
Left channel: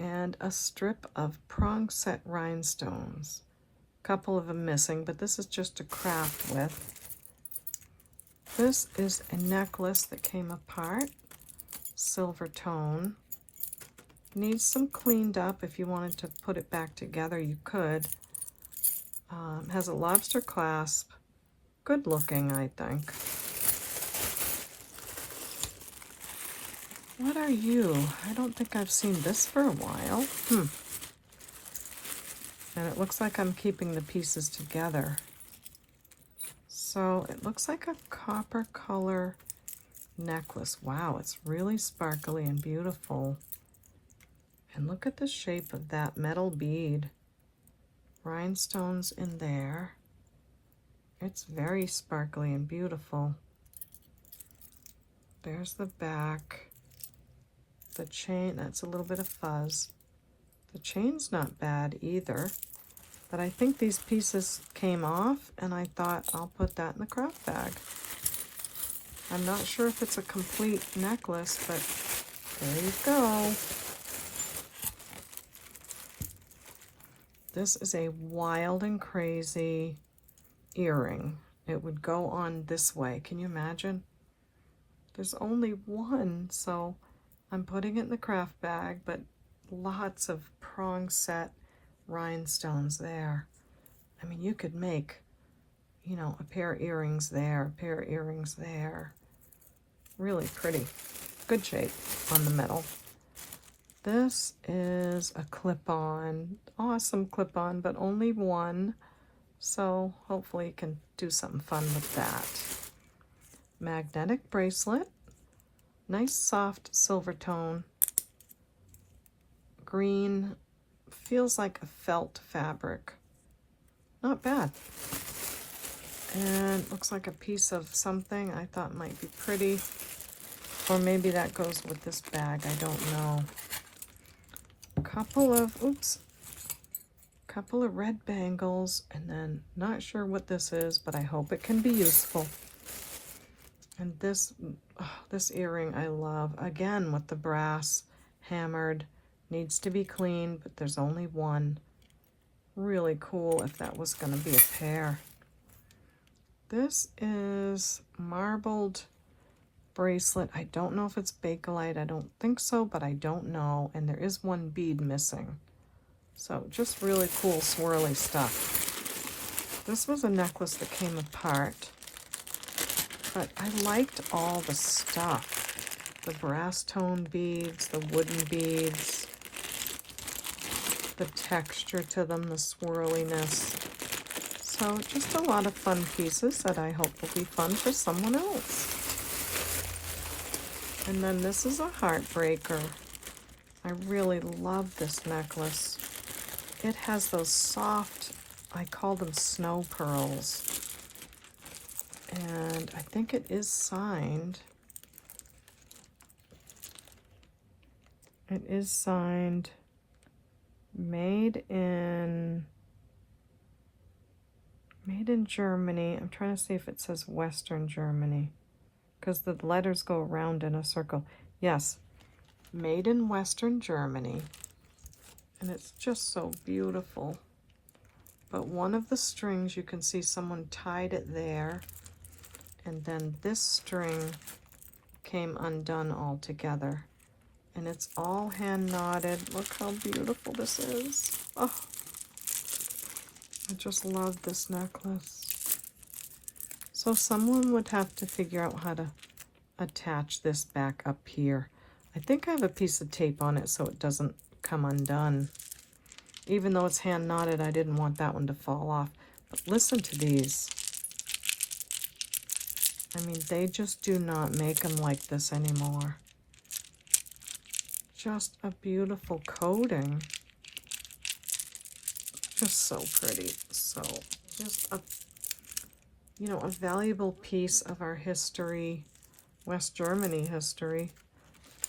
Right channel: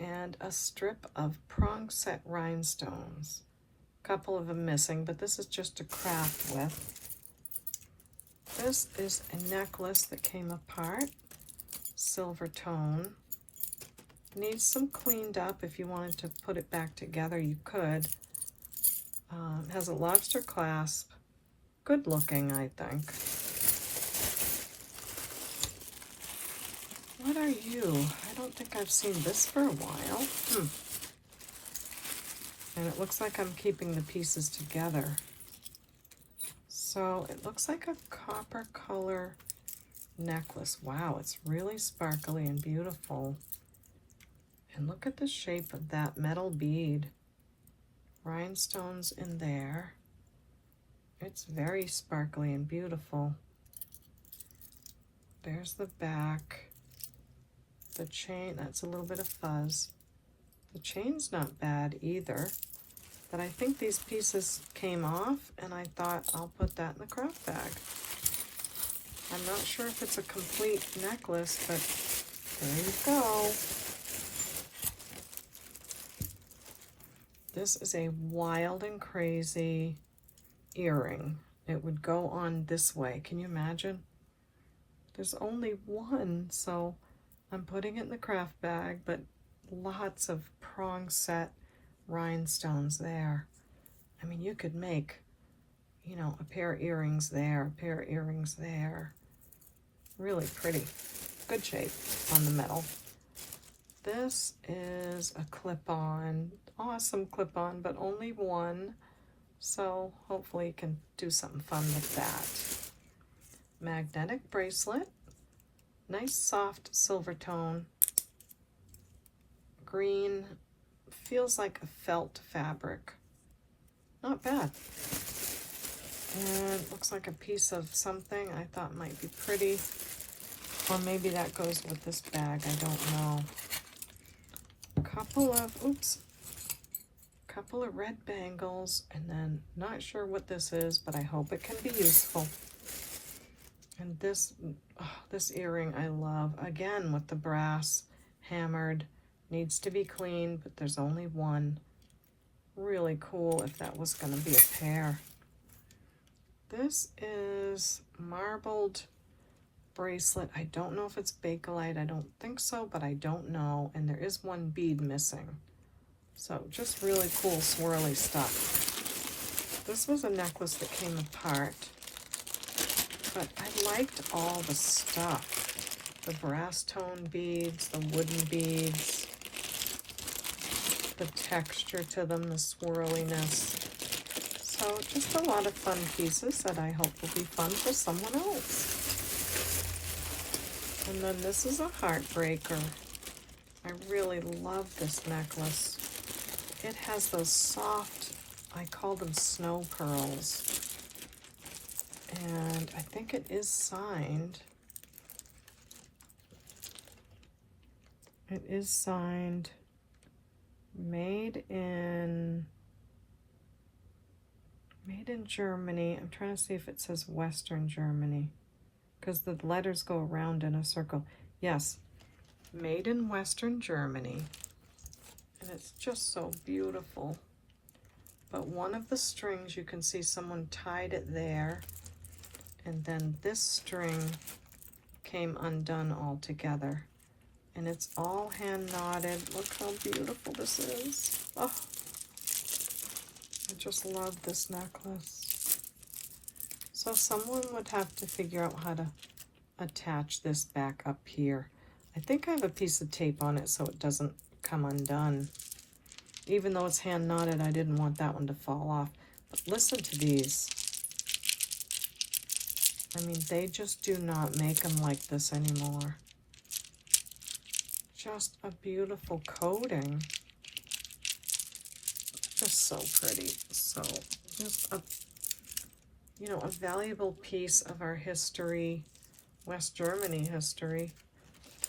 And a strip of prong set rhinestones. A couple of them missing, but this is just to craft with. This is a necklace that came apart, silver tone. Needs some cleaned up. If you wanted to put it back together, you could. Has a lobster clasp. Good looking, I think. What are you? I don't think I've seen this for a while. And it looks like I'm keeping the pieces together. So it looks like a copper color necklace. Wow, it's really sparkly and beautiful. And look at the shape of that metal bead. Rhinestones in there. It's very sparkly and beautiful. There's the back. The chain, that's a little bit of fuzz. The chain's not bad either. But I think these pieces came off, and I thought I'll put that in the craft bag. I'm not sure if it's a complete necklace, but there you go. This is a wild and crazy earring. It would go on this way. Can you imagine? There's only one, so I'm putting it in the craft bag, but lots of prong set rhinestones there. I mean, you could make, you know, a pair of earrings there, a pair of earrings there. Really pretty. Good shape on the middle. This is a clip-on, awesome clip-on, but only one. So hopefully you can do something fun with that. Magnetic bracelet, nice soft silver tone. Green, feels like a felt fabric. Not bad. And looks like a piece of something I thought might be pretty. Or maybe that goes with this bag, I don't know. Couple of red bangles, and then not sure what this is, but I hope it can be useful. And this earring I love, again with the brass hammered, needs to be clean, but there's only one. Really cool if that was going to be a pair. This is marbled bracelet. I don't know if it's Bakelite. I don't think so, but I don't know. And there is one bead missing. So just really cool swirly stuff. This was a necklace that came apart, but I liked all the stuff. The brass tone beads, the wooden beads, the texture to them, the swirliness. So just a lot of fun pieces that I hope will be fun for someone else. And then this is a heartbreaker. I really love this necklace. It has those soft, I call them snow pearls. And I think it is signed. It is signed, made in Germany. I'm trying to see if it says Western Germany, because the letters go around in a circle. Yes, made in Western Germany. And it's just so beautiful. But one of the strings, you can see someone tied it there. And then this string came undone altogether. And it's all hand knotted. Look how beautiful this is. Oh, I just love this necklace. So someone would have to figure out how to attach this back up here. I think I have a piece of tape on it so it doesn't come undone. Even though it's hand knotted, I didn't want that one to fall off. But listen to these. I mean, they just do not make them like this anymore. Just a beautiful coating. Just so pretty. So just a, you know, a valuable piece of our history, West Germany history,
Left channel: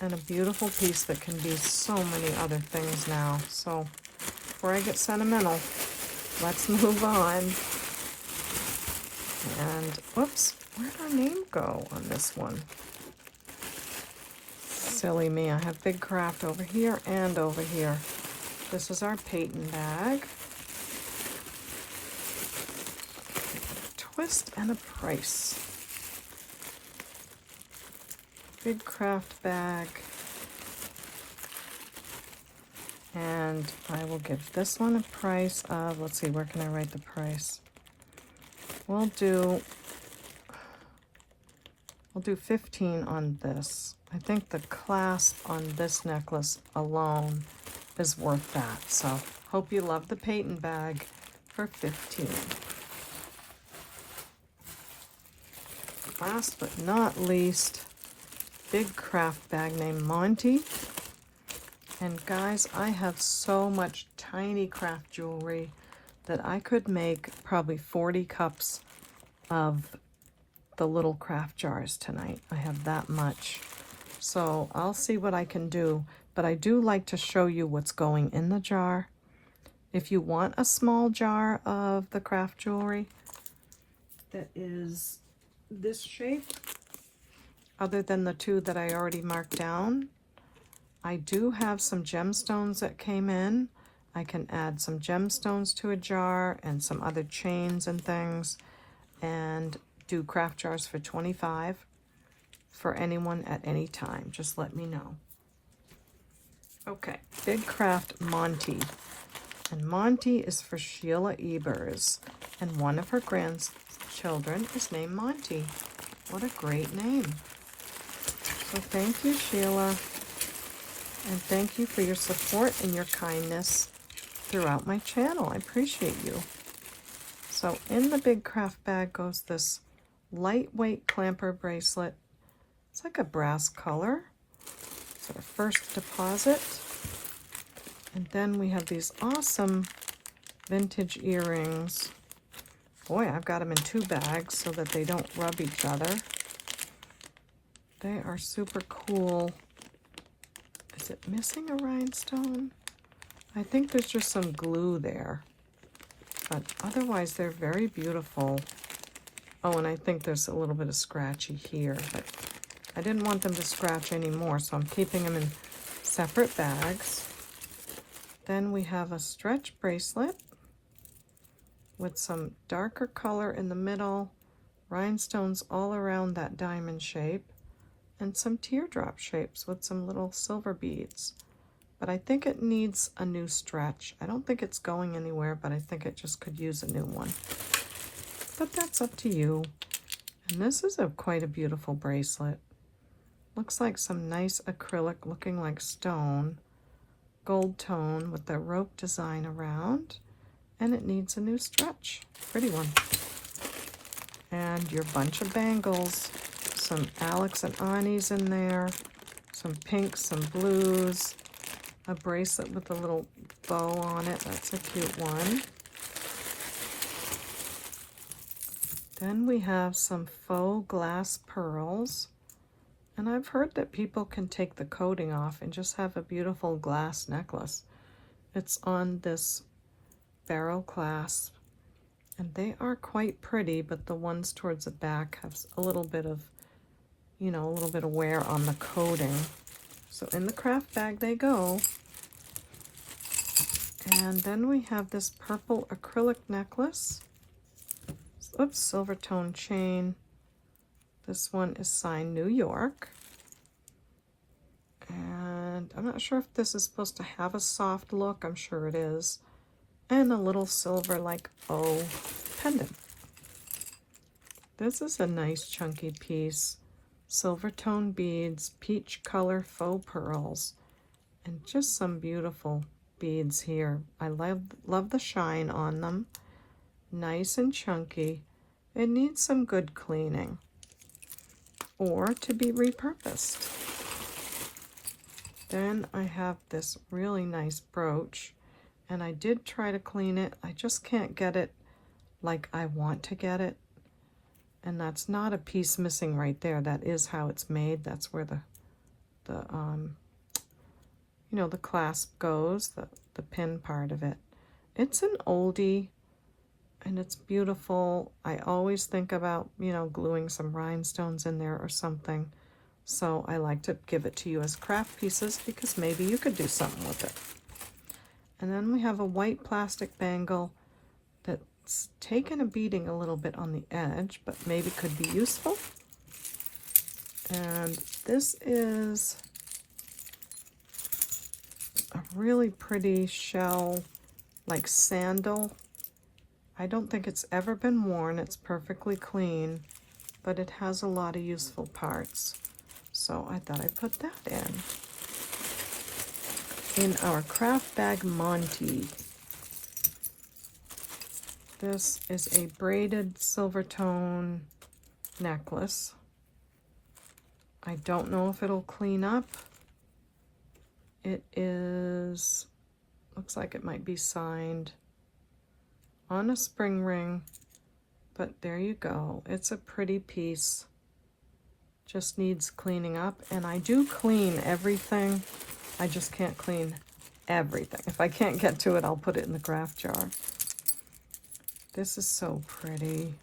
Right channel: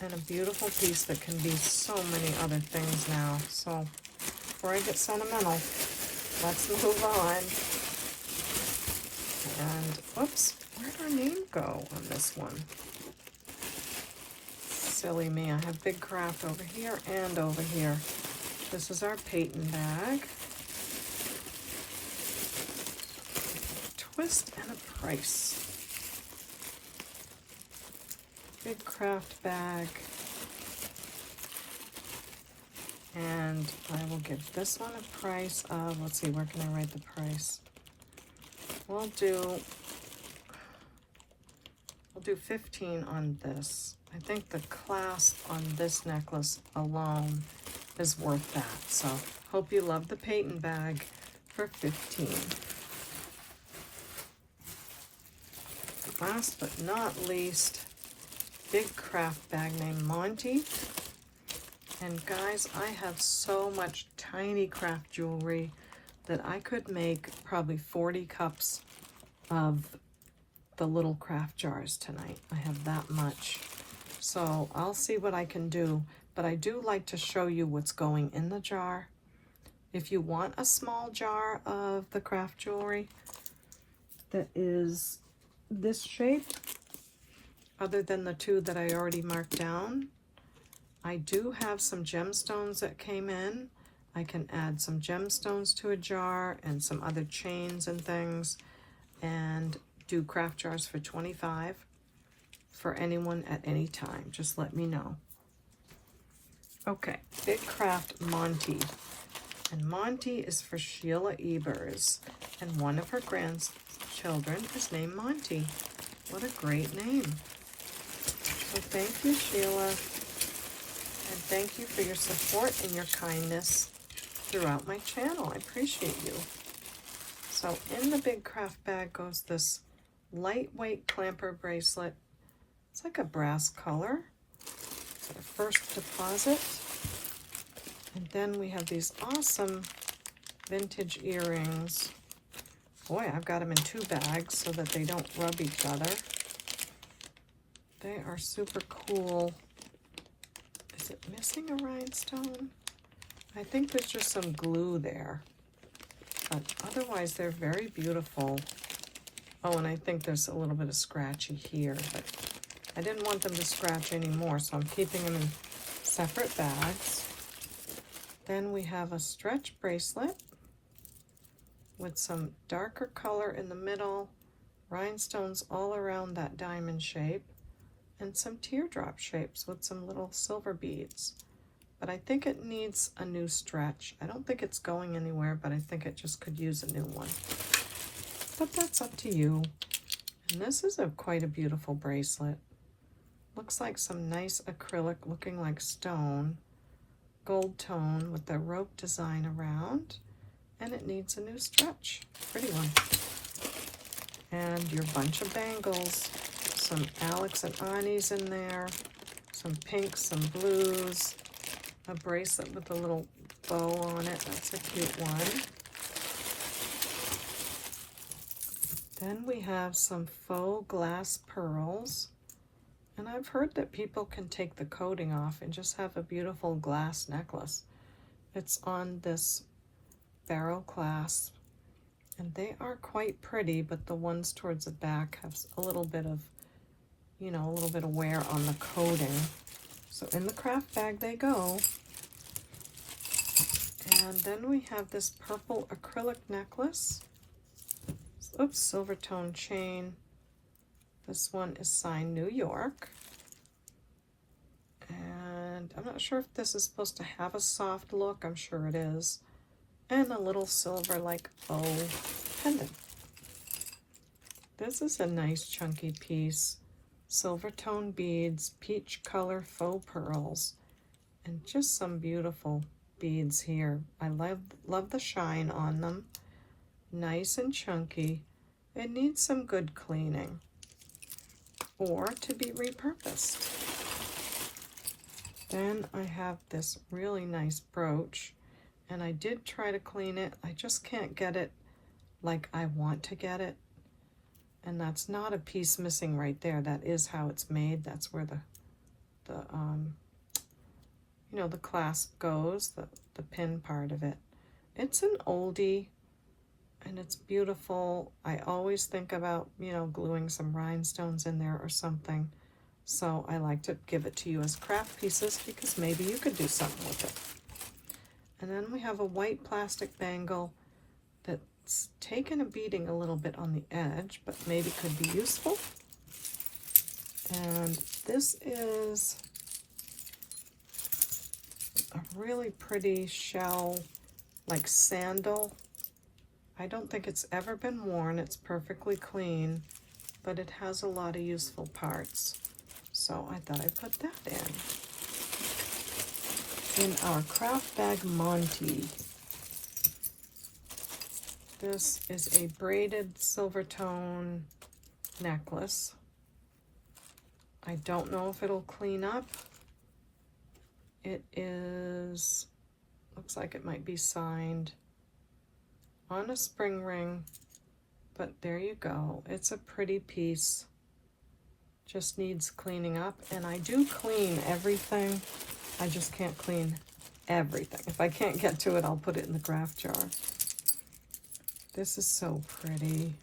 and a beautiful piece that can be so many other things now. So before I get sentimental, let's move on. And whoops, where'd our name go on this one? Silly me, I have Big Craft over here and over here. This is our Payton bag. Twist and a price. Big Craft bag. And I will give this one a price of, let's see, where can I write the price? We'll do 15 on this. I think the clasp on this necklace alone is worth that. So hope you love the Payton bag for 15. Last but not least, Big Craft bag named Monty. And guys, I have so much tiny craft jewelry that I could make probably 40 cups of the little craft jars tonight. I have that much. So I'll see what I can do, but I do like to show you what's going in the jar. If you want a small jar of the craft jewelry that is this shape, other than the two that I already marked down, I do have some gemstones that came in. I can add some gemstones to a jar and some other chains and things, and do craft jars for $25 for anyone at any time. Just let me know. Okay, Big Craft Monty. And Monty is for Sheila Ebers. And one of her grandchildren is named Monty. What a great name. So thank you, Sheila. And thank you for your support and your kindness throughout my channel. I appreciate you. So in the big craft bag goes this lightweight clamper bracelet. It's like a brass color. So the first deposit. And then we have these awesome vintage earrings. Boy, I've got them in 2 bags so that they don't rub each other. They are super cool. Is it missing a rhinestone? I think there's just some glue there. But otherwise, they're very beautiful. Oh, and I think there's a little bit of scratchy here. But I didn't want them to scratch anymore, so I'm keeping them in separate bags. Then we have a stretch bracelet with some darker color in the middle, rhinestones all around that diamond shape, and some teardrop shapes with some little silver beads. But I think it needs a new stretch. I don't think it's going anywhere, but I think it just could use a new one. But that's up to you. And this is quite a beautiful bracelet. Looks like some nice acrylic looking like stone. Gold tone with the rope design around. And it needs a new stretch. Pretty one. And your bunch of bangles. Some Alex and Ani's in there. Some pinks, some blues. A bracelet with a little bow on it. That's a cute one. Then we have some faux glass pearls. And I've heard that people can take the coating off and just have a beautiful glass necklace. It's on this barrel clasp. And they are quite pretty, but the ones towards the back have a little bit of, you know, a little bit of wear on the coating. So in the craft bag they go. And then we have this purple acrylic necklace. Oops, silver tone chain. This one is signed New York. And I'm not sure if this is supposed to have a soft look. I'm sure it is. And a little silver like bow pendant. This is a nice chunky piece. Silver tone beads, peach color faux pearls, and just some beautiful beads here. I love the shine on them. Nice and chunky. It needs some good cleaning or to be repurposed. Then I have this really nice brooch, and I did try to clean it. I just can't get it like I want to get it. And that's not a piece missing right there. That is how it's made. That's where the you know, the clasp goes, the pin part of it. It's an oldie, and it's beautiful. I always think about, you know, gluing some rhinestones in there or something. So I like to give it to you as craft pieces because maybe you could do something with it. And then we have a white plastic bangle that's taken a beating a little bit on the edge, but maybe could be useful. And this is a really pretty shell, like sandal. I don't think it's ever been worn. It's perfectly clean, but it has a lot of useful parts. So I thought I'd put that in our craft bag Monty. This is a braided silver tone necklace. I don't know if it'll clean up. It is, looks like it might be signed on a spring ring, but there you go. It's a pretty piece. Just needs cleaning up, and I do clean everything. I just can't clean everything. If I can't get to it, I'll put it in the craft jar. This is so pretty.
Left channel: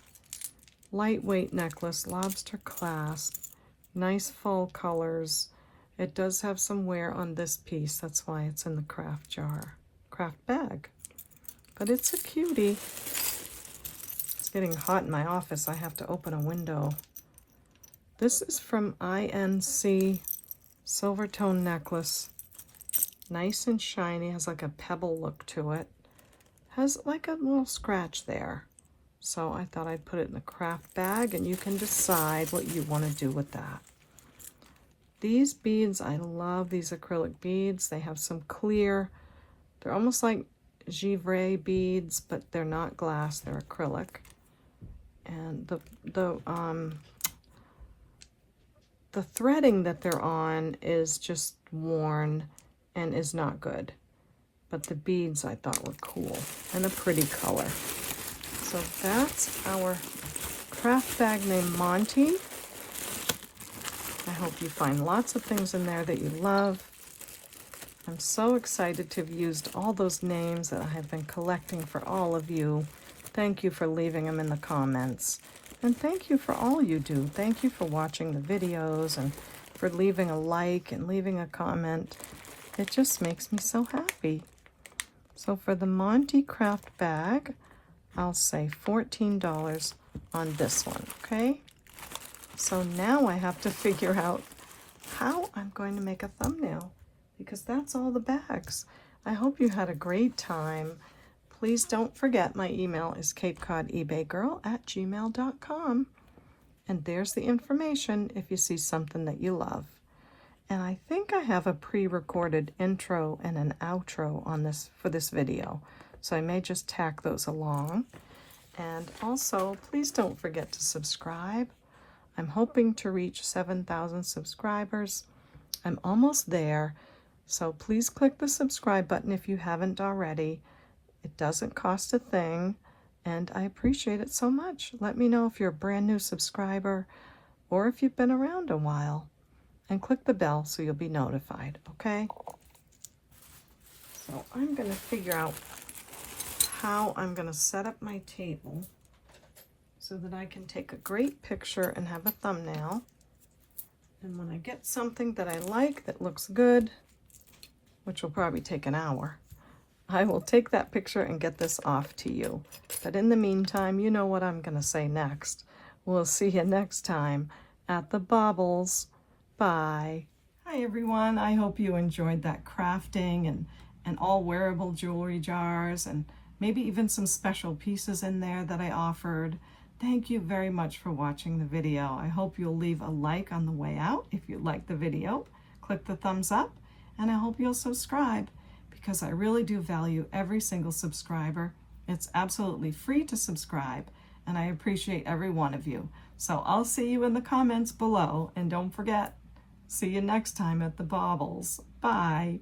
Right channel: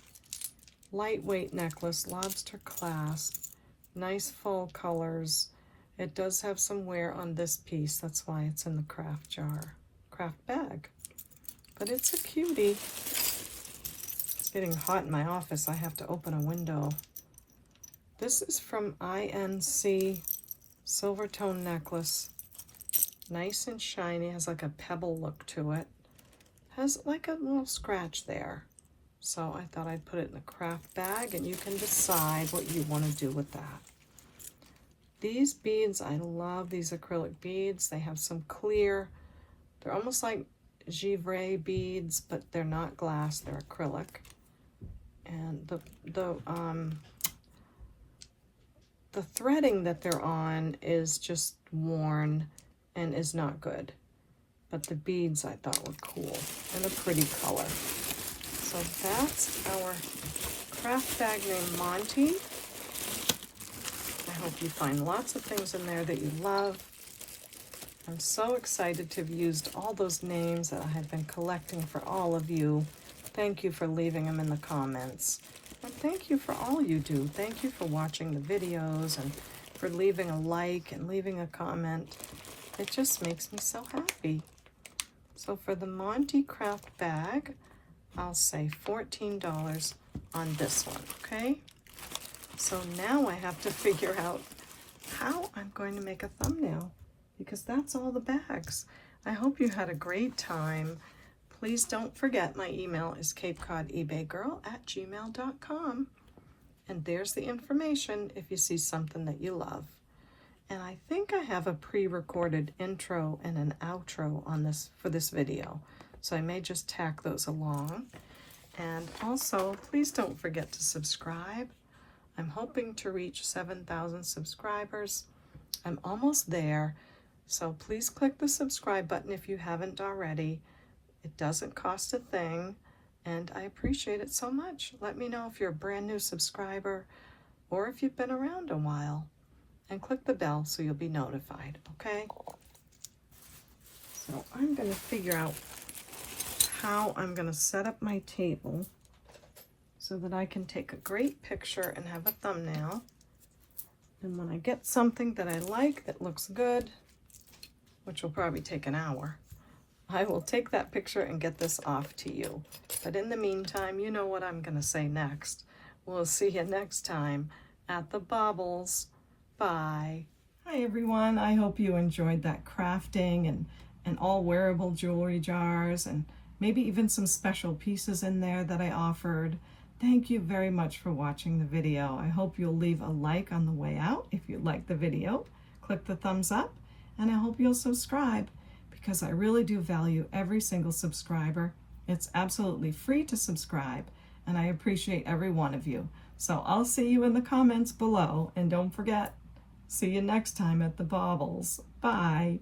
Lightweight necklace, lobster clasp, nice fall colors. It does have some wear on this piece. That's why it's in the craft jar, craft bag. But it's a cutie. It's getting hot in my office. I have to open a window. This is from INC, silver tone necklace. Nice and shiny, has like a pebble look to it. Has like a little scratch there. So I thought I'd put it in a craft bag, and you can decide what you want to do with that. These beads, I love these acrylic beads. They have some clear, they're almost like givre beads, but they're not glass, they're acrylic. And the threading that they're on is just worn and is not good. But the beads I thought were cool and a pretty color. So that's our craft bag named Monty. I hope you find lots of things in there that you love. I'm so excited to have used all those names that I have been collecting for all of you. Thank you for leaving them in the comments. And thank you for all you do. Thank you for watching the videos and for leaving a like and leaving a comment. It just makes me so happy. So for the Monty craft bag, I'll say $14 on this one, okay? So now I have to figure out how I'm going to make a thumbnail, because that's all the bags. I hope you had a great time. Please don't forget my email is CapeCodEbayGirl@gmail.com. And there's the information if you see something that you love. And I think I have a pre-recorded intro and an outro on this for this video. So I may just tack those along. And also, please don't forget to subscribe. I'm hoping to reach 7,000 subscribers. I'm almost there. So please click the subscribe button if you haven't already. It doesn't cost a thing, and I appreciate it so much. Let me know if you're a brand new subscriber or if you've been around a while. And click the bell so you'll be notified, okay? So I'm going to figure out how I'm going to set up my table so that I can take a great picture and have a thumbnail. And when I get something that I like that looks good, which will probably take an hour, I will take that picture and get this off to you. But in the meantime, you know what I'm going to say next. We'll see you next time at the Baubles. Bye. Hi everyone. I hope you enjoyed that crafting and all wearable jewelry jars and maybe even some special pieces in there that I offered. Thank you very much for watching the video. I hope you'll leave a like on the way out if you liked the video. Click the thumbs up, and I hope you'll subscribe, because I really do value every single subscriber. It's absolutely free to subscribe, and I appreciate every one of you. So I'll see you in the comments below, and don't forget, see you next time at the Baubles. Bye.